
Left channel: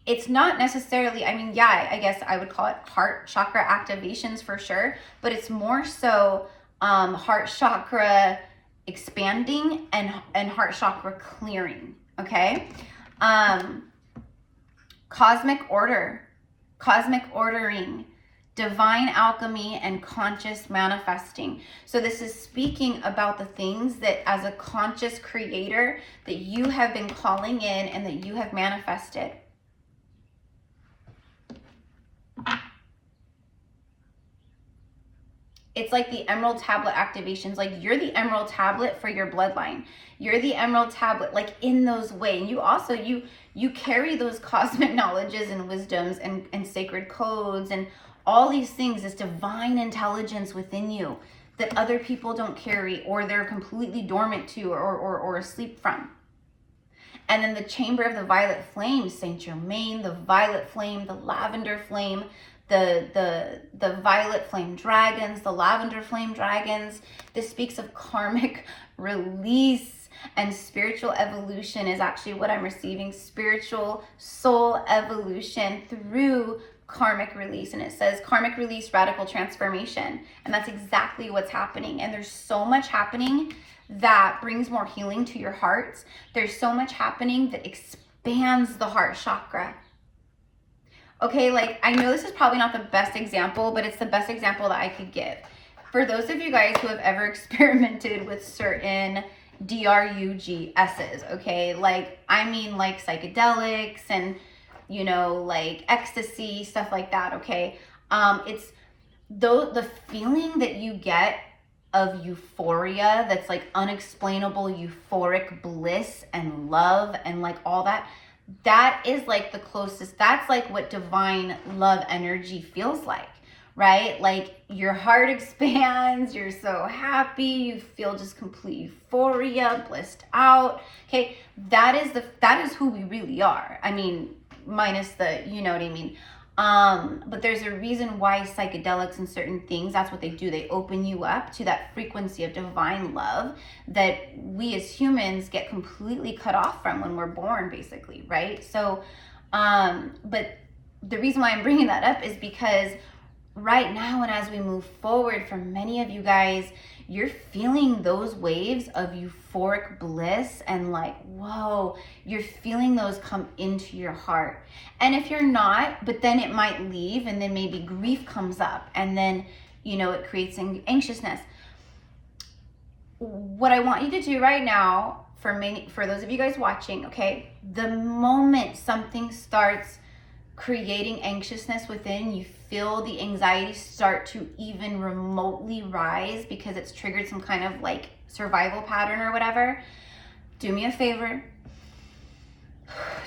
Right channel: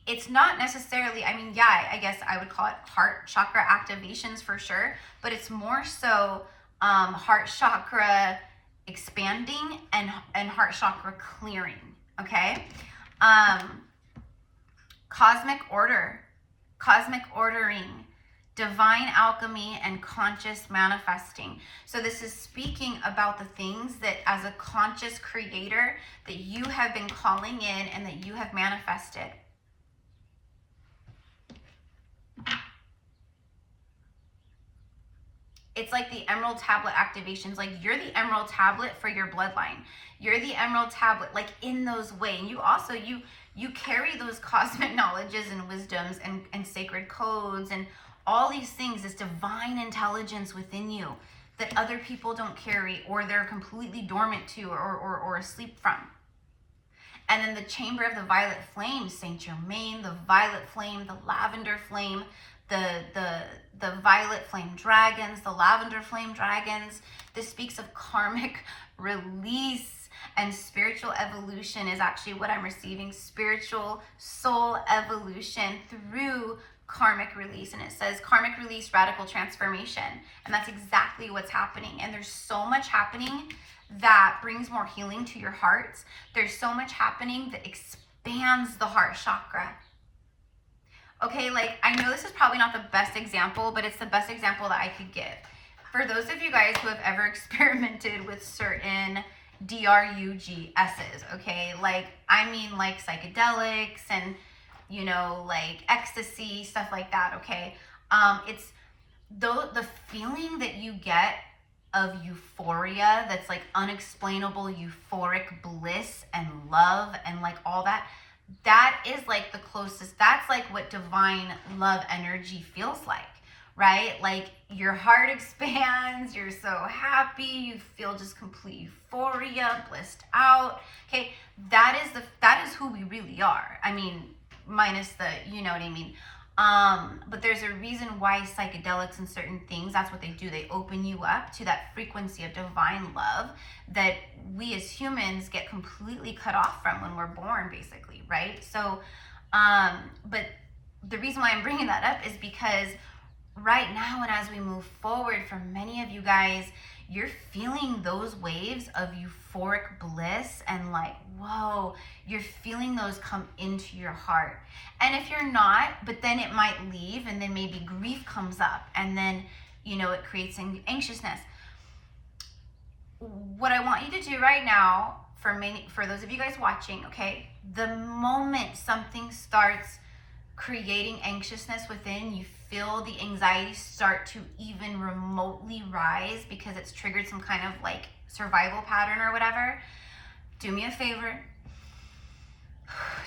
it's not necessarily, I mean, yeah, I guess I would call it heart chakra activations for sure, but it's more so heart chakra expanding and heart chakra clearing, okay? cosmic order, cosmic ordering, divine alchemy, and conscious manifesting. So this is speaking about the things that as a conscious creator that you have been calling in and that you have manifested. It's like the emerald tablet activations. Like, you're the emerald tablet for your bloodline. You're the emerald tablet, like, in those ways. You also, you carry those cosmic knowledges and wisdoms and sacred codes and all these things, this divine intelligence within you that other people don't carry, or they're completely dormant to, or asleep from. And then the chamber of the violet flame, Saint Germain, the violet flame, the lavender flame, the violet flame dragons, the lavender flame dragons. This speaks of karmic release, and spiritual evolution is actually what I'm receiving. Spiritual soul evolution through karmic release. And it says karmic release, radical transformation. And that's exactly what's happening. And there's so much happening that brings more healing to your heart. There's so much happening that expands the heart chakra. Okay, like, I know this is probably not the best example, but it's the best example that I could give. For those of you guys who have ever experimented with certain DRUGSs, okay, like, I mean, like psychedelics and, you know, like ecstasy, stuff like that, okay? It's the feeling that you get of euphoria, that's like unexplainable euphoric bliss and love and like all that. That is like the closest, that's like what divine love energy feels like, right? Like, your heart expands, you're so happy, you feel just complete euphoria, blissed out. Okay, that is who we really are. I mean, minus the, you know what I mean? But there's a reason why psychedelics and certain things, that's what they do. They open you up to that frequency of divine love that we as humans get completely cut off from when we're born, basically, right? So, but the reason why I'm bringing that up is because right now, and as we move forward, for many of you guys, you're feeling those waves of euphoric bliss and like, whoa, you're feeling those come into your heart. And if you're not, but then it might leave, and then maybe grief comes up, and then, you know, it creates anxiousness. What I want you to do right now, for those of you guys watching, okay, the moment something starts creating anxiousness within, you feel the anxiety start to even remotely rise because it's triggered some kind of like survival pattern or whatever, do me a favor,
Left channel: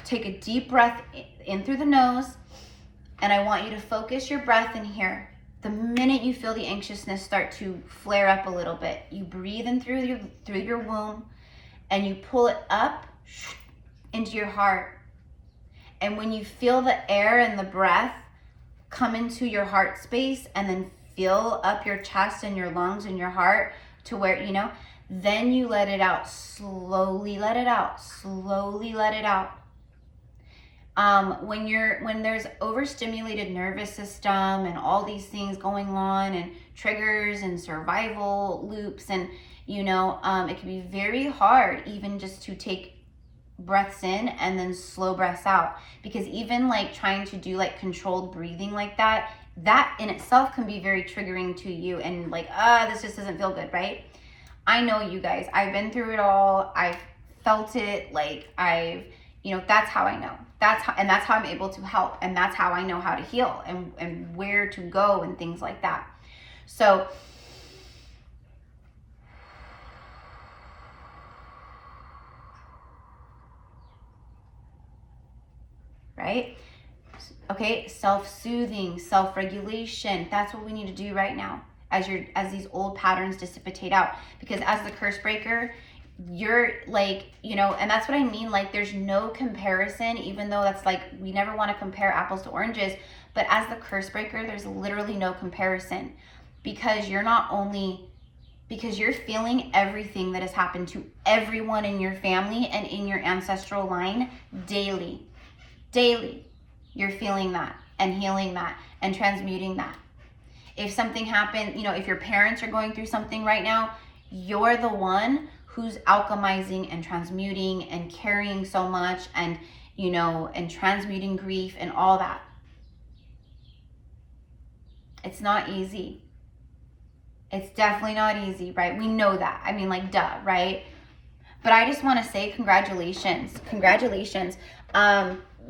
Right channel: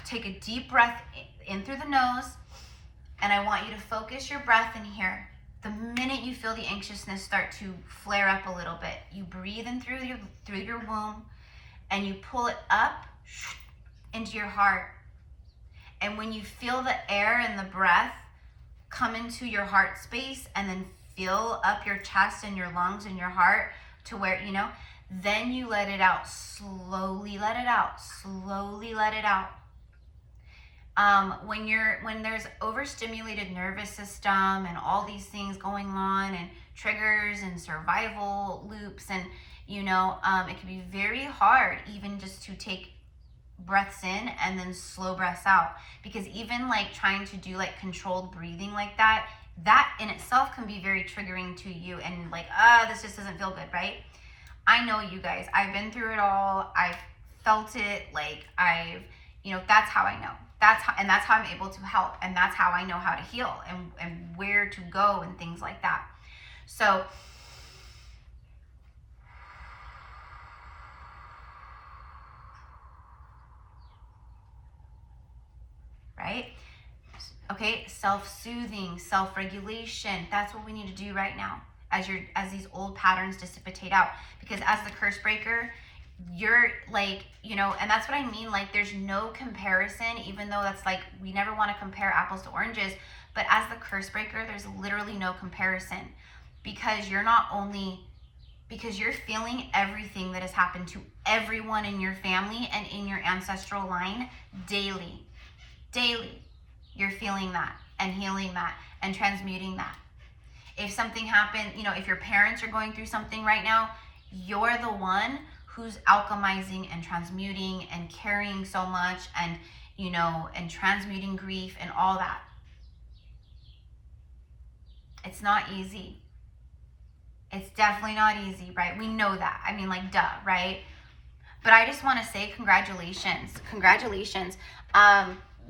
take a deep breath in through the nose, and I want you to focus your breath in here. The minute you feel the anxiousness start to flare up a little bit, you breathe in through your womb, and you pull it up into your heart. And when you feel the air and the breath come into your heart space and then fill up your chest and your lungs and your heart to where, you know, then you let it out. Slowly let it out. Slowly let it out. When there's overstimulated nervous system and all these things going on and triggers and survival loops, and, you know, it can be very hard even just to take breaths in and then slow breaths out, because even like trying to do like controlled breathing like that in itself can be very triggering to you, and like, this just doesn't feel good, right? I know, you guys, I've been through it all. I've felt it. Like, you know, that's how I know. That's how I'm able to help, and that's how I know how to heal and where to go and things like that. So right? Okay, self-soothing, self-regulation. That's what we need to do right now as these old patterns dissipate out. Because as the curse breaker, you're like, you know, and that's what I mean, like, there's no comparison, even though that's like, we never want to compare apples to oranges, but as the curse breaker, there's literally no comparison, because you're feeling everything that has happened to everyone in your family and in your ancestral line daily. You're feeling that and healing that and transmuting that. If something happened, you know, if your parents are going through something right now, you're the one who's alchemizing and transmuting and carrying so much, and you know, and transmuting grief and all that. It's not easy. It's definitely not easy, right? We know that. I mean, like, duh, right? But I just want to say congratulations. Congratulations.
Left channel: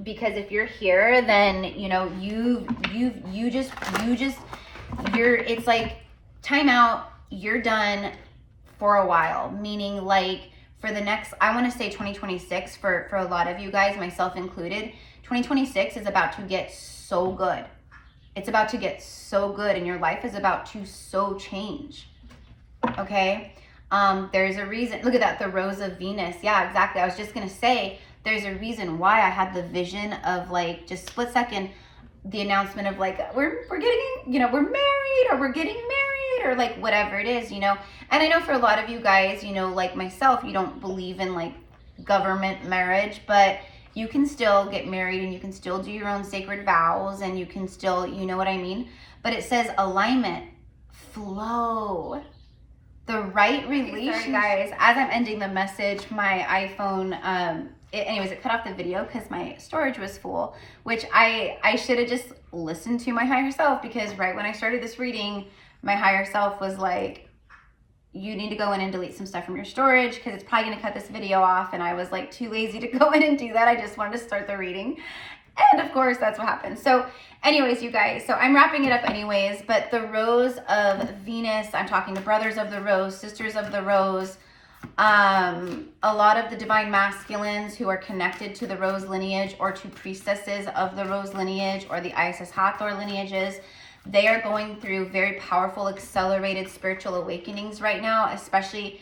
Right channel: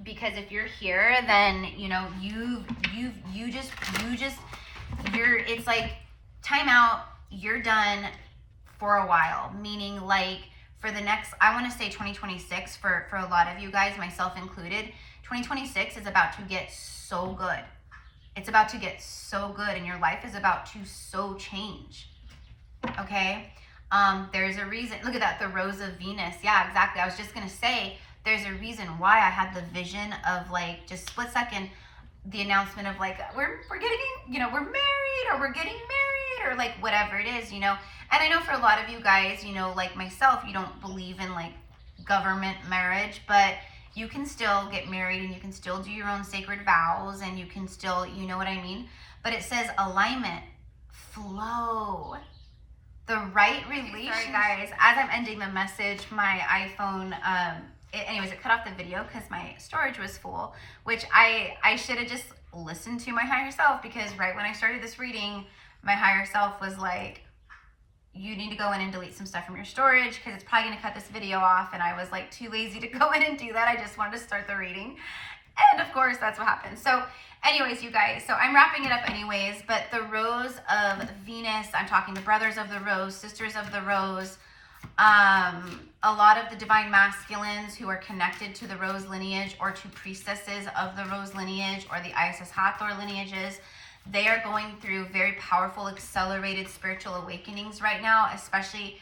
Because if you're here, then, you know, it's like time out. You're done for a while, meaning like for the next, I want to say 2026 for a lot of you guys, myself included. 2026 is about to get so good. It's about to get so good, and your life is about to so change. Okay? There's a reason. Look at that, the Rose of Venus. Yeah, exactly. I was just gonna say, there's a reason why I had the vision of like just split second, the announcement of like we're getting, you know, we're married, or we're getting married, or like whatever it is, you know. And I know for a lot of you guys, you know, like myself, you don't believe in like government marriage, but you can still get married and you can still do your own sacred vows, and you can still, you know what I mean? But it says alignment, flow, the right relationship. Sorry guys, as I'm ending the message, my iPhone, it cut off the video because my storage was full, which I should have just listened to my higher self, because right when I started this reading, my higher self was like, you need to go in and delete some stuff from your storage because it's probably going to cut this video off. And I was like too lazy to go in and do that. I just wanted to start the reading. And of course, that's what happened. So anyways, you guys, so I'm wrapping it up anyways, but the Rose of Venus, I'm talking to brothers of the Rose, sisters of the Rose, a lot of the divine masculines who are connected to the Rose lineage, or to priestesses of the Rose lineage, or the Isis Hathor lineages. They are going through very powerful, accelerated spiritual awakenings right now, especially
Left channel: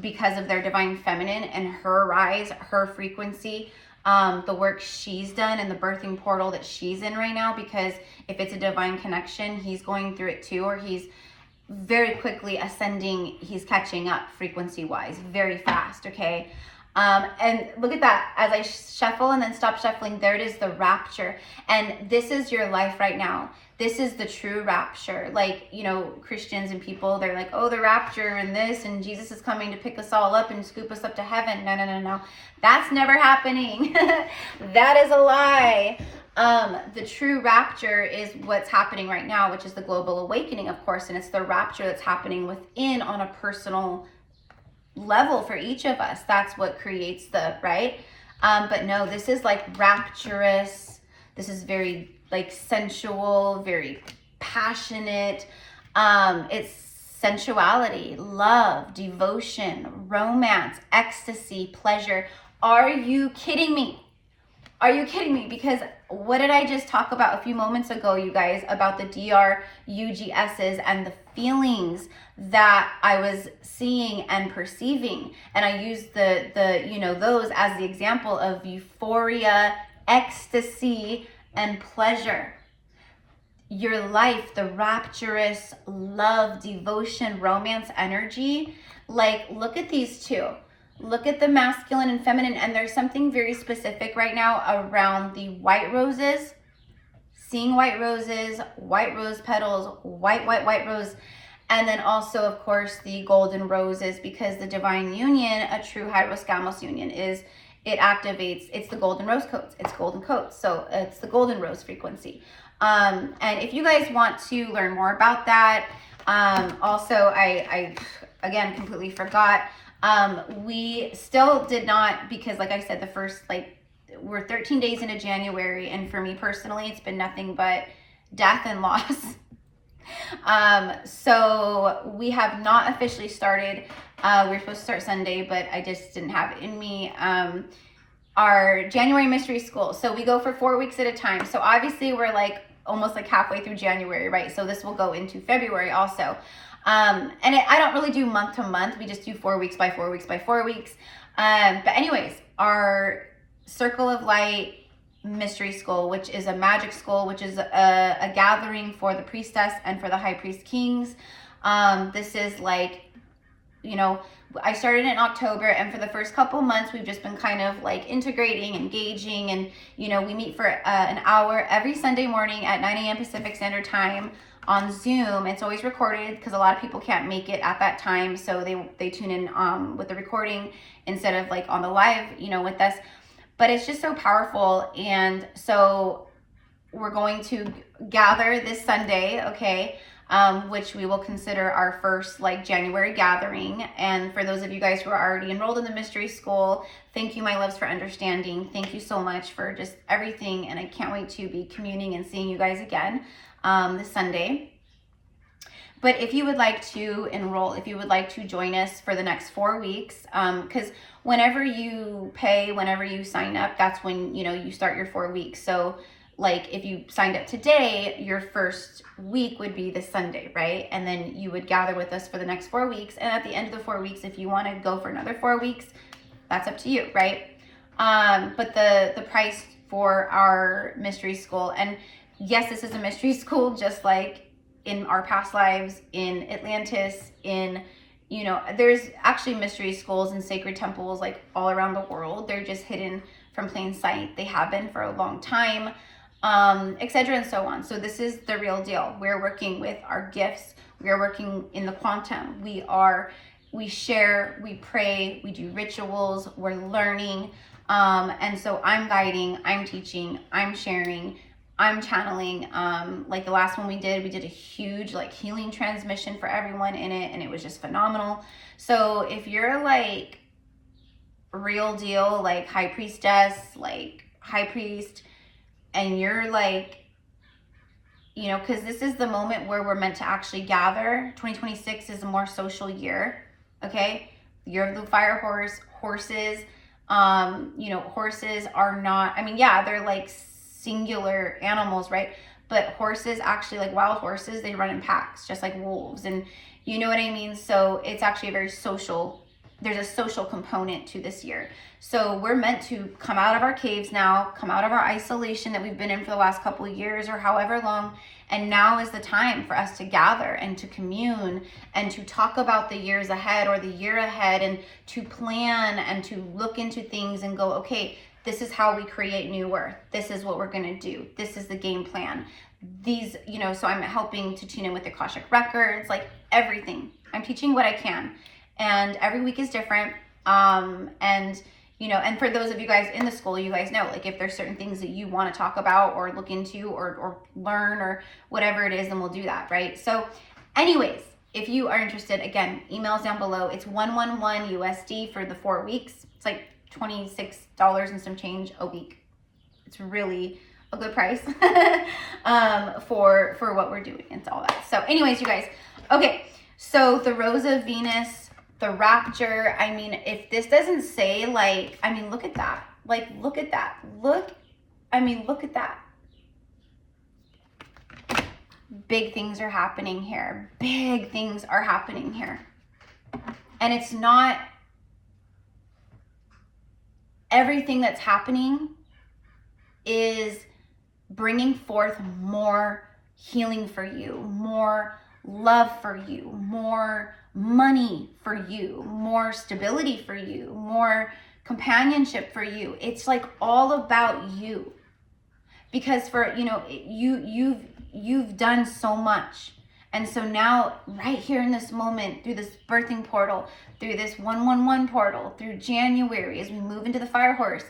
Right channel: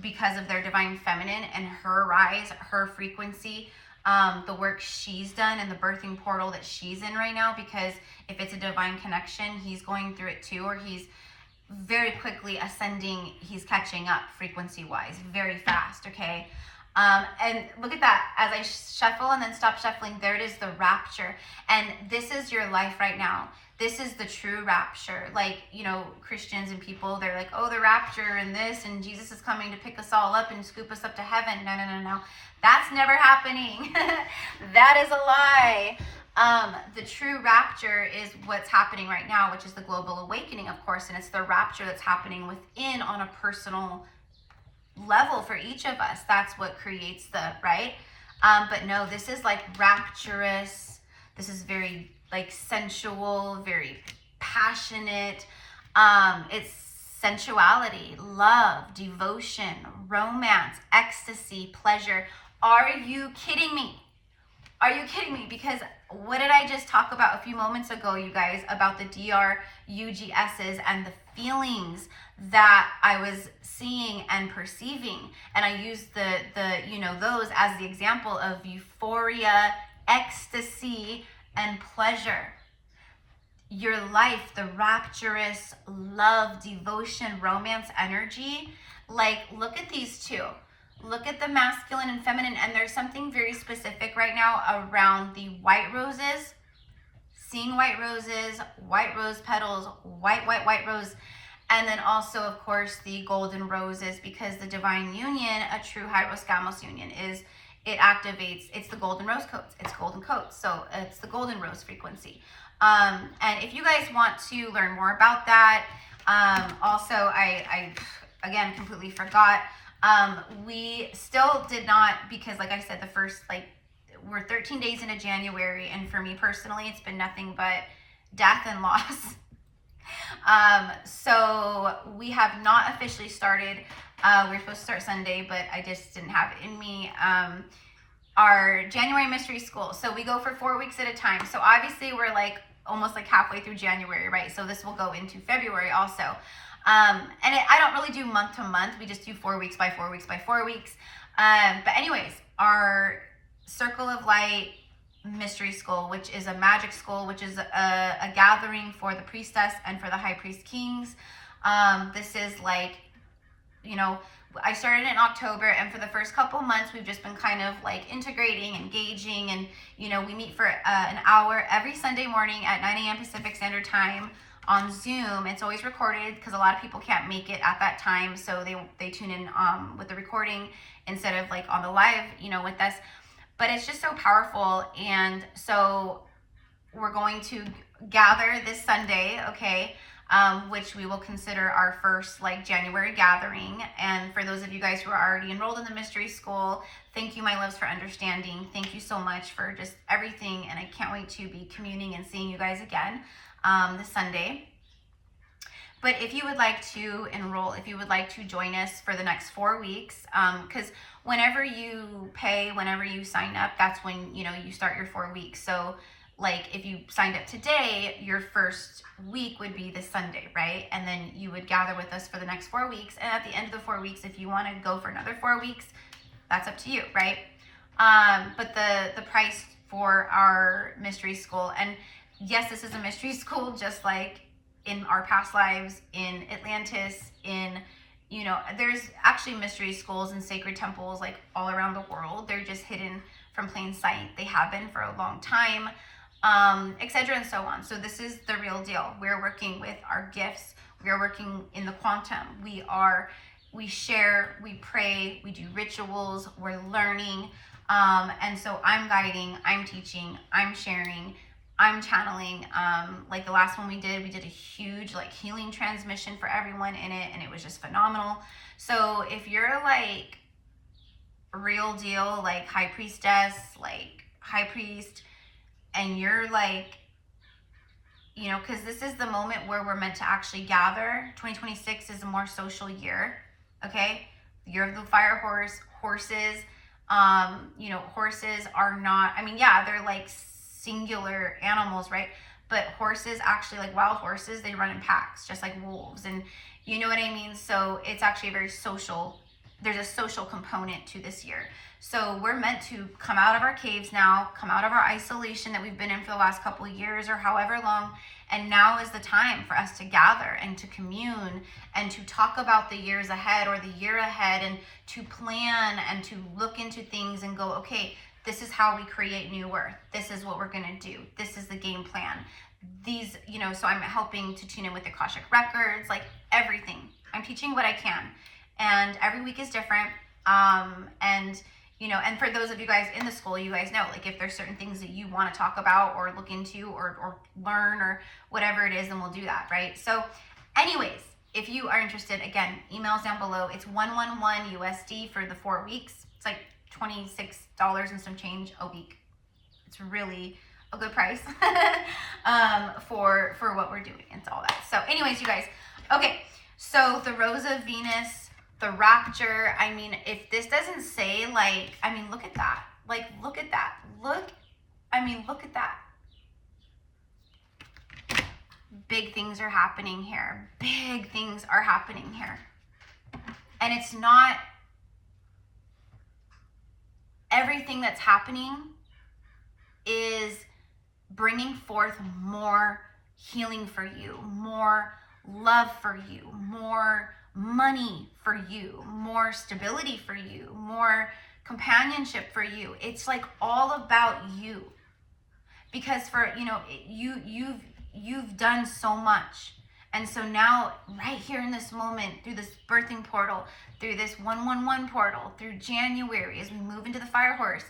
because of their divine feminine and her rise, her frequency, the work she's done and the birthing portal that she's in right now. Because if it's a divine connection, he's going through it too, or he's very quickly ascending, he's catching up frequency-wise, very fast, okay? And look at that, as I shuffle and then stop shuffling, there it is, the rapture. And this is your life right now. This is the true rapture. Like, you know, Christians and people, they're like, oh, the rapture and this, and Jesus is coming to pick us all up and scoop us up to heaven. No, no, no, no. That's never happening. That is a lie. The true rapture is what's happening right now, which is the global awakening, of course, and it's the rapture that's happening within on a personal level for each of us. That's what creates the, right? But no, this is like rapturous. This is very like sensual, very passionate. It's sensuality, love, devotion, romance, ecstasy, pleasure. Are you kidding me? Are you kidding me? Because what did I just talk about a few moments ago, you guys, about the DRUGSs and the feelings that I was seeing and perceiving? And I used the you know, those as the example of euphoria, ecstasy, and pleasure. Your life, the rapturous love, devotion, romance energy, like look at these two. Look at the masculine and feminine, and there's something very specific right now around the white roses. Seeing white roses, white rose petals, white rose, and then also, of course, the golden roses, because the divine union, a true hydroscamos union, is it activates, it's the golden rose coats, it's golden coats, so it's the golden rose frequency. And if you guys want to learn more about that, also, I again, completely forgot, we still did not, because like I said, the first, like, we're 13 days into January, and for me personally, it's been nothing but death and loss. So we have not officially started. We were supposed to start Sunday, but I just didn't have it in me. Our January mystery school. So we go for 4 weeks at a time. So obviously we're like almost like halfway through January, right? So this will go into February also. And I don't really do month to month. We just do 4 weeks by 4 weeks by 4 weeks. But anyways, our Circle of Light mystery school, which is a magic school, which is a gathering for the priestess and for the high priest kings. This is like, you know, I started in October, and for the first couple months, we've just been kind of like integrating, engaging, and, you know, we meet for an hour every Sunday morning at 9 a.m. Pacific Standard Time on Zoom. It's always recorded because a lot of people can't make it at that time, so they tune in with the recording instead of like on the live, you know, with us. but it's just so powerful. And so we're going to gather this Sunday, okay, which we will consider our first like January gathering. And for those of you guys who are already enrolled in the mystery school, thank you, my loves, for understanding. Thank you so much for just everything. And I can't wait to be communing and seeing you guys again this Sunday. But if you would like to enroll, if you would like to join us for the next 4 weeks, because whenever you pay, whenever you sign up, that's when, you know, you start your 4 weeks. So like if you signed up today, your first week would be this Sunday, right? And then you would gather with us for the next 4 weeks. And at the end of the 4 weeks, if you want to go for another 4 weeks, that's up to you, right? But the price for our mystery school, and yes, this is a mystery school, just like in our past lives, in Atlantis, in, you know, there's actually mystery schools and sacred temples like all around the world. They're just hidden from plain sight. They have been for a long time, etc. and so on. So this is the real deal. We're working with our gifts. We are working in the quantum. We share, we pray, we do rituals, we're learning. And so I'm guiding, I'm teaching, I'm sharing, I'm channeling. Like the last one we did a huge like healing transmission for everyone in it, and it was just phenomenal. So if you're like real deal, like high priestess, like high priest, and you're like, you know, because this is the moment where we're meant to actually gather. 2026 is a more social year, okay? The year of the fire horse, horses, you know, horses are not, I mean, yeah, they're like singular animals, right? But horses actually, like wild horses, they run in packs, just like wolves, and you know what I mean? So it's actually a very social, there's a social component to this year. So we're meant to come out of our caves now, come out of our isolation that we've been in for the last couple of years or however long, and now is the time for us to gather and to commune and to talk about the years ahead or the year ahead, and to plan and to look into things and go, okay, this is how we create new earth. This is what we're going to do. This is the game plan. These, you know, so I'm helping to tune in with the Akashic records, like everything. I'm teaching what I can. And every week is different. And, you know, and for those of you guys in the school, you guys know, like if there's certain things that you want to talk about or look into or learn or whatever it is, then we'll do that, right? So anyways, if you are interested, again, emails down below. It's $111 USD for the 4 weeks. It's like $26 and some change a week. It's really a good price for what we're doing and all that. So anyways, you guys, okay, so the Rose of Venus, the Rapture, I mean, if this doesn't say, like, I mean, look at that. Like, look at that. Look at that. Big things are happening here. Big things are happening here. And it's not everything that's happening is bringing forth more healing for you, more love for you, more money for you, more stability for you, more companionship for you. It's like all about you, because for, you know, you've done so much. And so now right here in this moment, through this birthing portal, through this 111 portal, through January, as we move into the fire horse,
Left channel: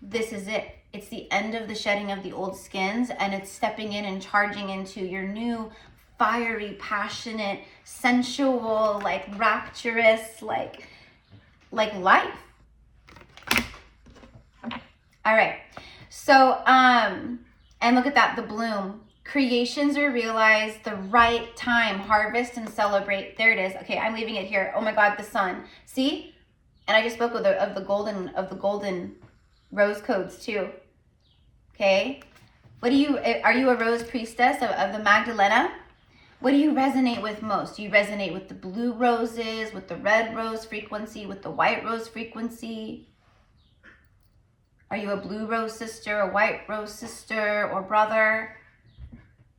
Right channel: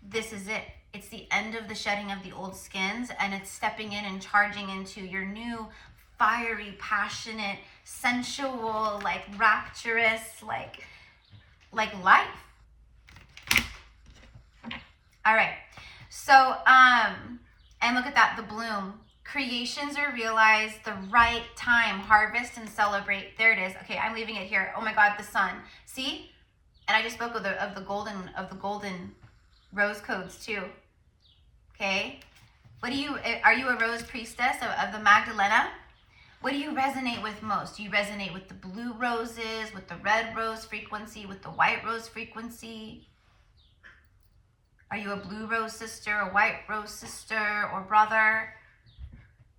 this is it. It's the end of the shedding of the old skins, and it's stepping in and charging into your new fiery, passionate, sensual, like rapturous, like life. All right. So, and look at that, the bloom. Creations are realized, the right time, harvest and celebrate. There it is. Okay, I'm leaving it here. Oh my God, the sun. See? And I just spoke of the golden rose codes too. Okay. Are you a rose priestess of the Magdalena? What do you resonate with most? Do you resonate with the blue roses, with the red rose frequency, with the white rose frequency? Are you a blue rose sister, a white rose sister or brother?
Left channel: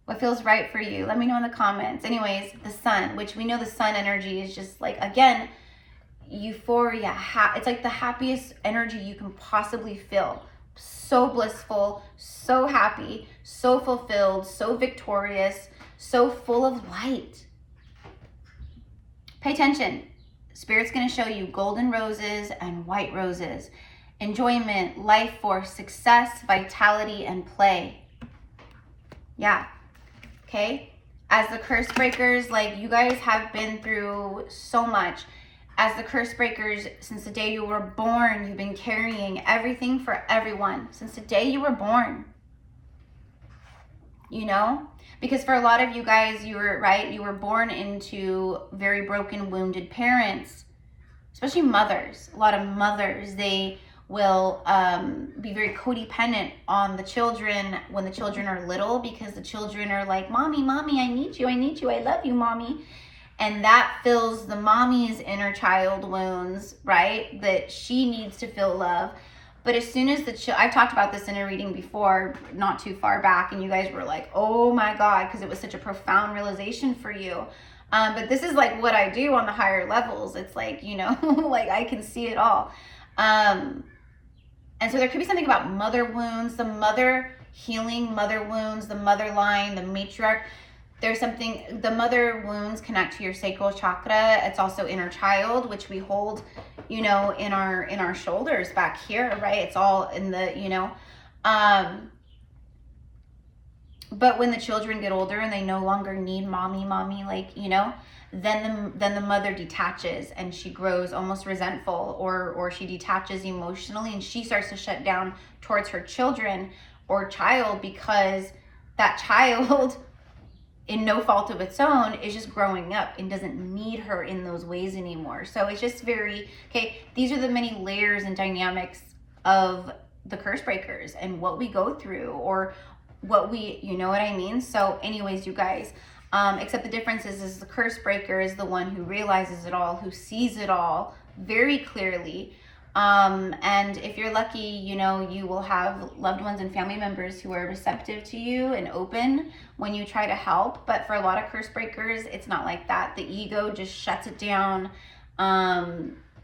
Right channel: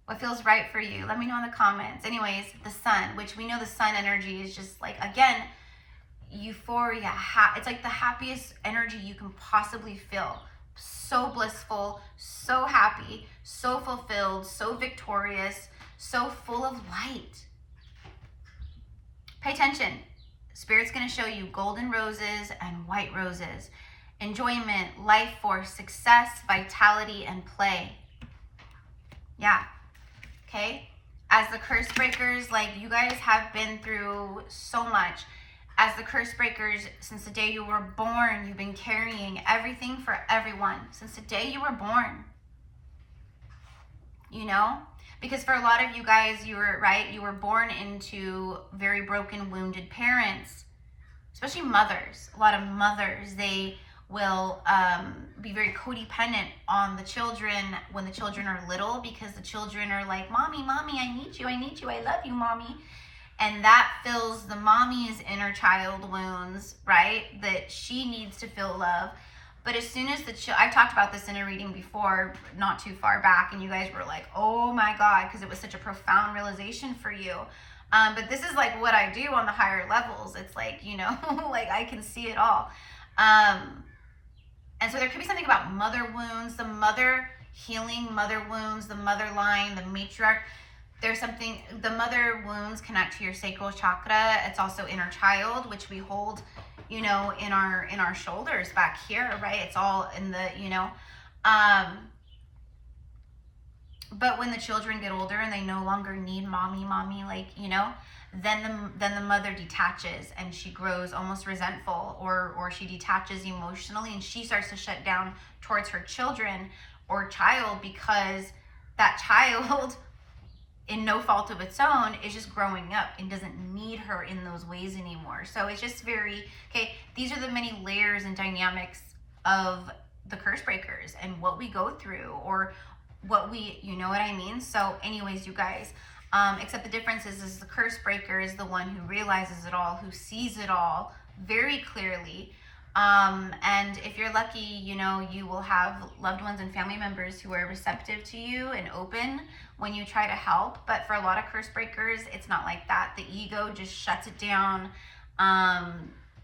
What feels right for you? Let me know in the comments. Anyways, the sun, which we know the sun energy is just like, again, euphoria. It's like the happiest energy you can possibly feel. So blissful, so happy, so fulfilled, so victorious, so full of light. Pay attention. Spirit's going to show you golden roses and white roses. enjoyment, life force, success, vitality, and play. Yeah. Okay. As the curse breakers, like, you guys have been through so much. As the curse breakers, since the day you were born, you've been carrying everything for everyone. Since the day you were born. You know? Because for a lot of you guys, you were born into very broken, wounded parents. Especially mothers. A lot of mothers, they will be very codependent on the children when the children are little, because the children are like, mommy, I need you, I love you, mommy. And that fills the mommy's inner child wounds, right? That she needs to feel love. But as soon as I've talked about this in a reading before, not too far back, and you guys were like, oh my God, because it was such a profound realization for you. But this is like what I do on the higher levels. It's like, you know, like I can see it all. And so there could be something about mother wounds, the mother healing, mother wounds, the mother line, the matriarch. There's something, the mother wounds connect to your sacral chakra. It's also inner child, which we hold, you know, in our shoulders back here, right? It's all in the, you know. But when the children get older and they no longer need mommy, like, you know, then the mother detaches and she grows almost resentful, or she detaches emotionally and she starts to shut down towards her children or child, because that child, in no fault of its own, is just growing up and doesn't need her in those ways anymore. So it's just very, okay, these are the many layers and dynamics of the curse breakers and what we go through, or what we, you know what I mean? So anyways, you guys, except the difference is the curse breaker is the one who realizes it all, who sees it all very clearly. And if you're lucky, you know, you will have loved ones and family members who are receptive to you and open when you try to help. But for a lot of curse breakers, it's not like that. The ego just shuts it down.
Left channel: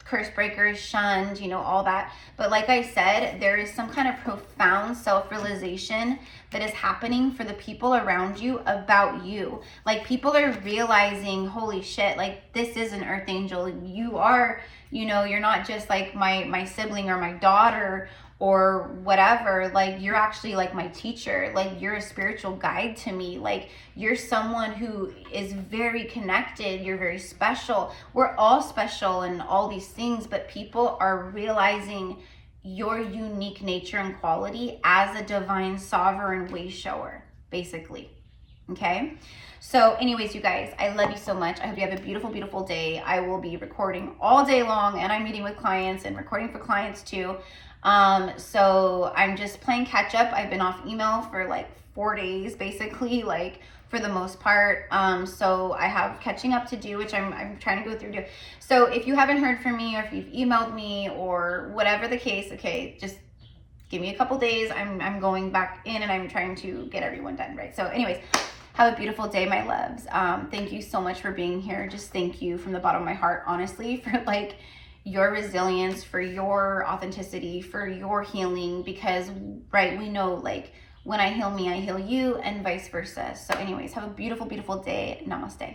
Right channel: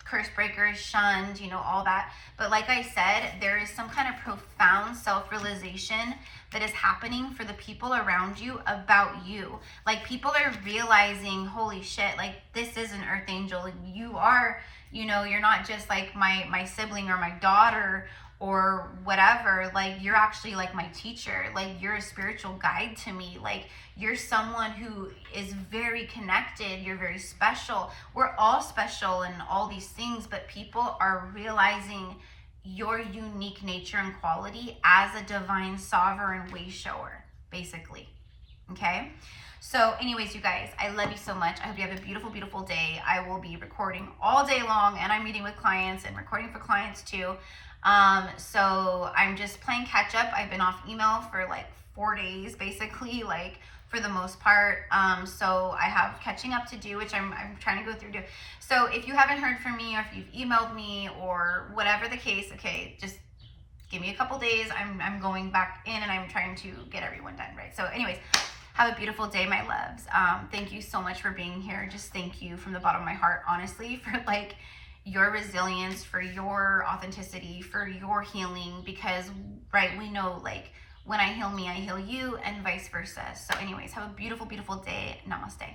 Curse breakers shunned, you know, all that. But like I said, there is some kind of profound self-realization that is happening for the people around you about you. Like, people are realizing, holy shit, like, this is an earth angel. You are, you know, you're not just like my sibling or my daughter or whatever. Like, you're actually like my teacher. Like, you're a spiritual guide to me. Like, you're someone who is very connected. You're very special. We're all special and all these things, but people are realizing your unique nature and quality as a divine sovereign way shower, basically. Okay? So anyways, you guys, I love you so much. I hope you have a beautiful, beautiful day. I will be recording all day long, and I'm meeting with clients and recording for clients too. So I'm just playing catch up. I've been off email for like 4 days, basically, like, for the most part. So I have catching up to do, which I'm trying to go through. So if you haven't heard from me, or if you've emailed me, or whatever the case, okay, just give me a couple days. I'm going back in and I'm trying to get everyone done, right? So anyways, have a beautiful day, my loves. Thank you so much for being here. Just thank you from the bottom of my heart, honestly, for like your resilience, for your authenticity, for your healing, because, right, we know, like, when I heal me, I heal you, and vice versa. So anyways, have a beautiful, beautiful day. Namaste.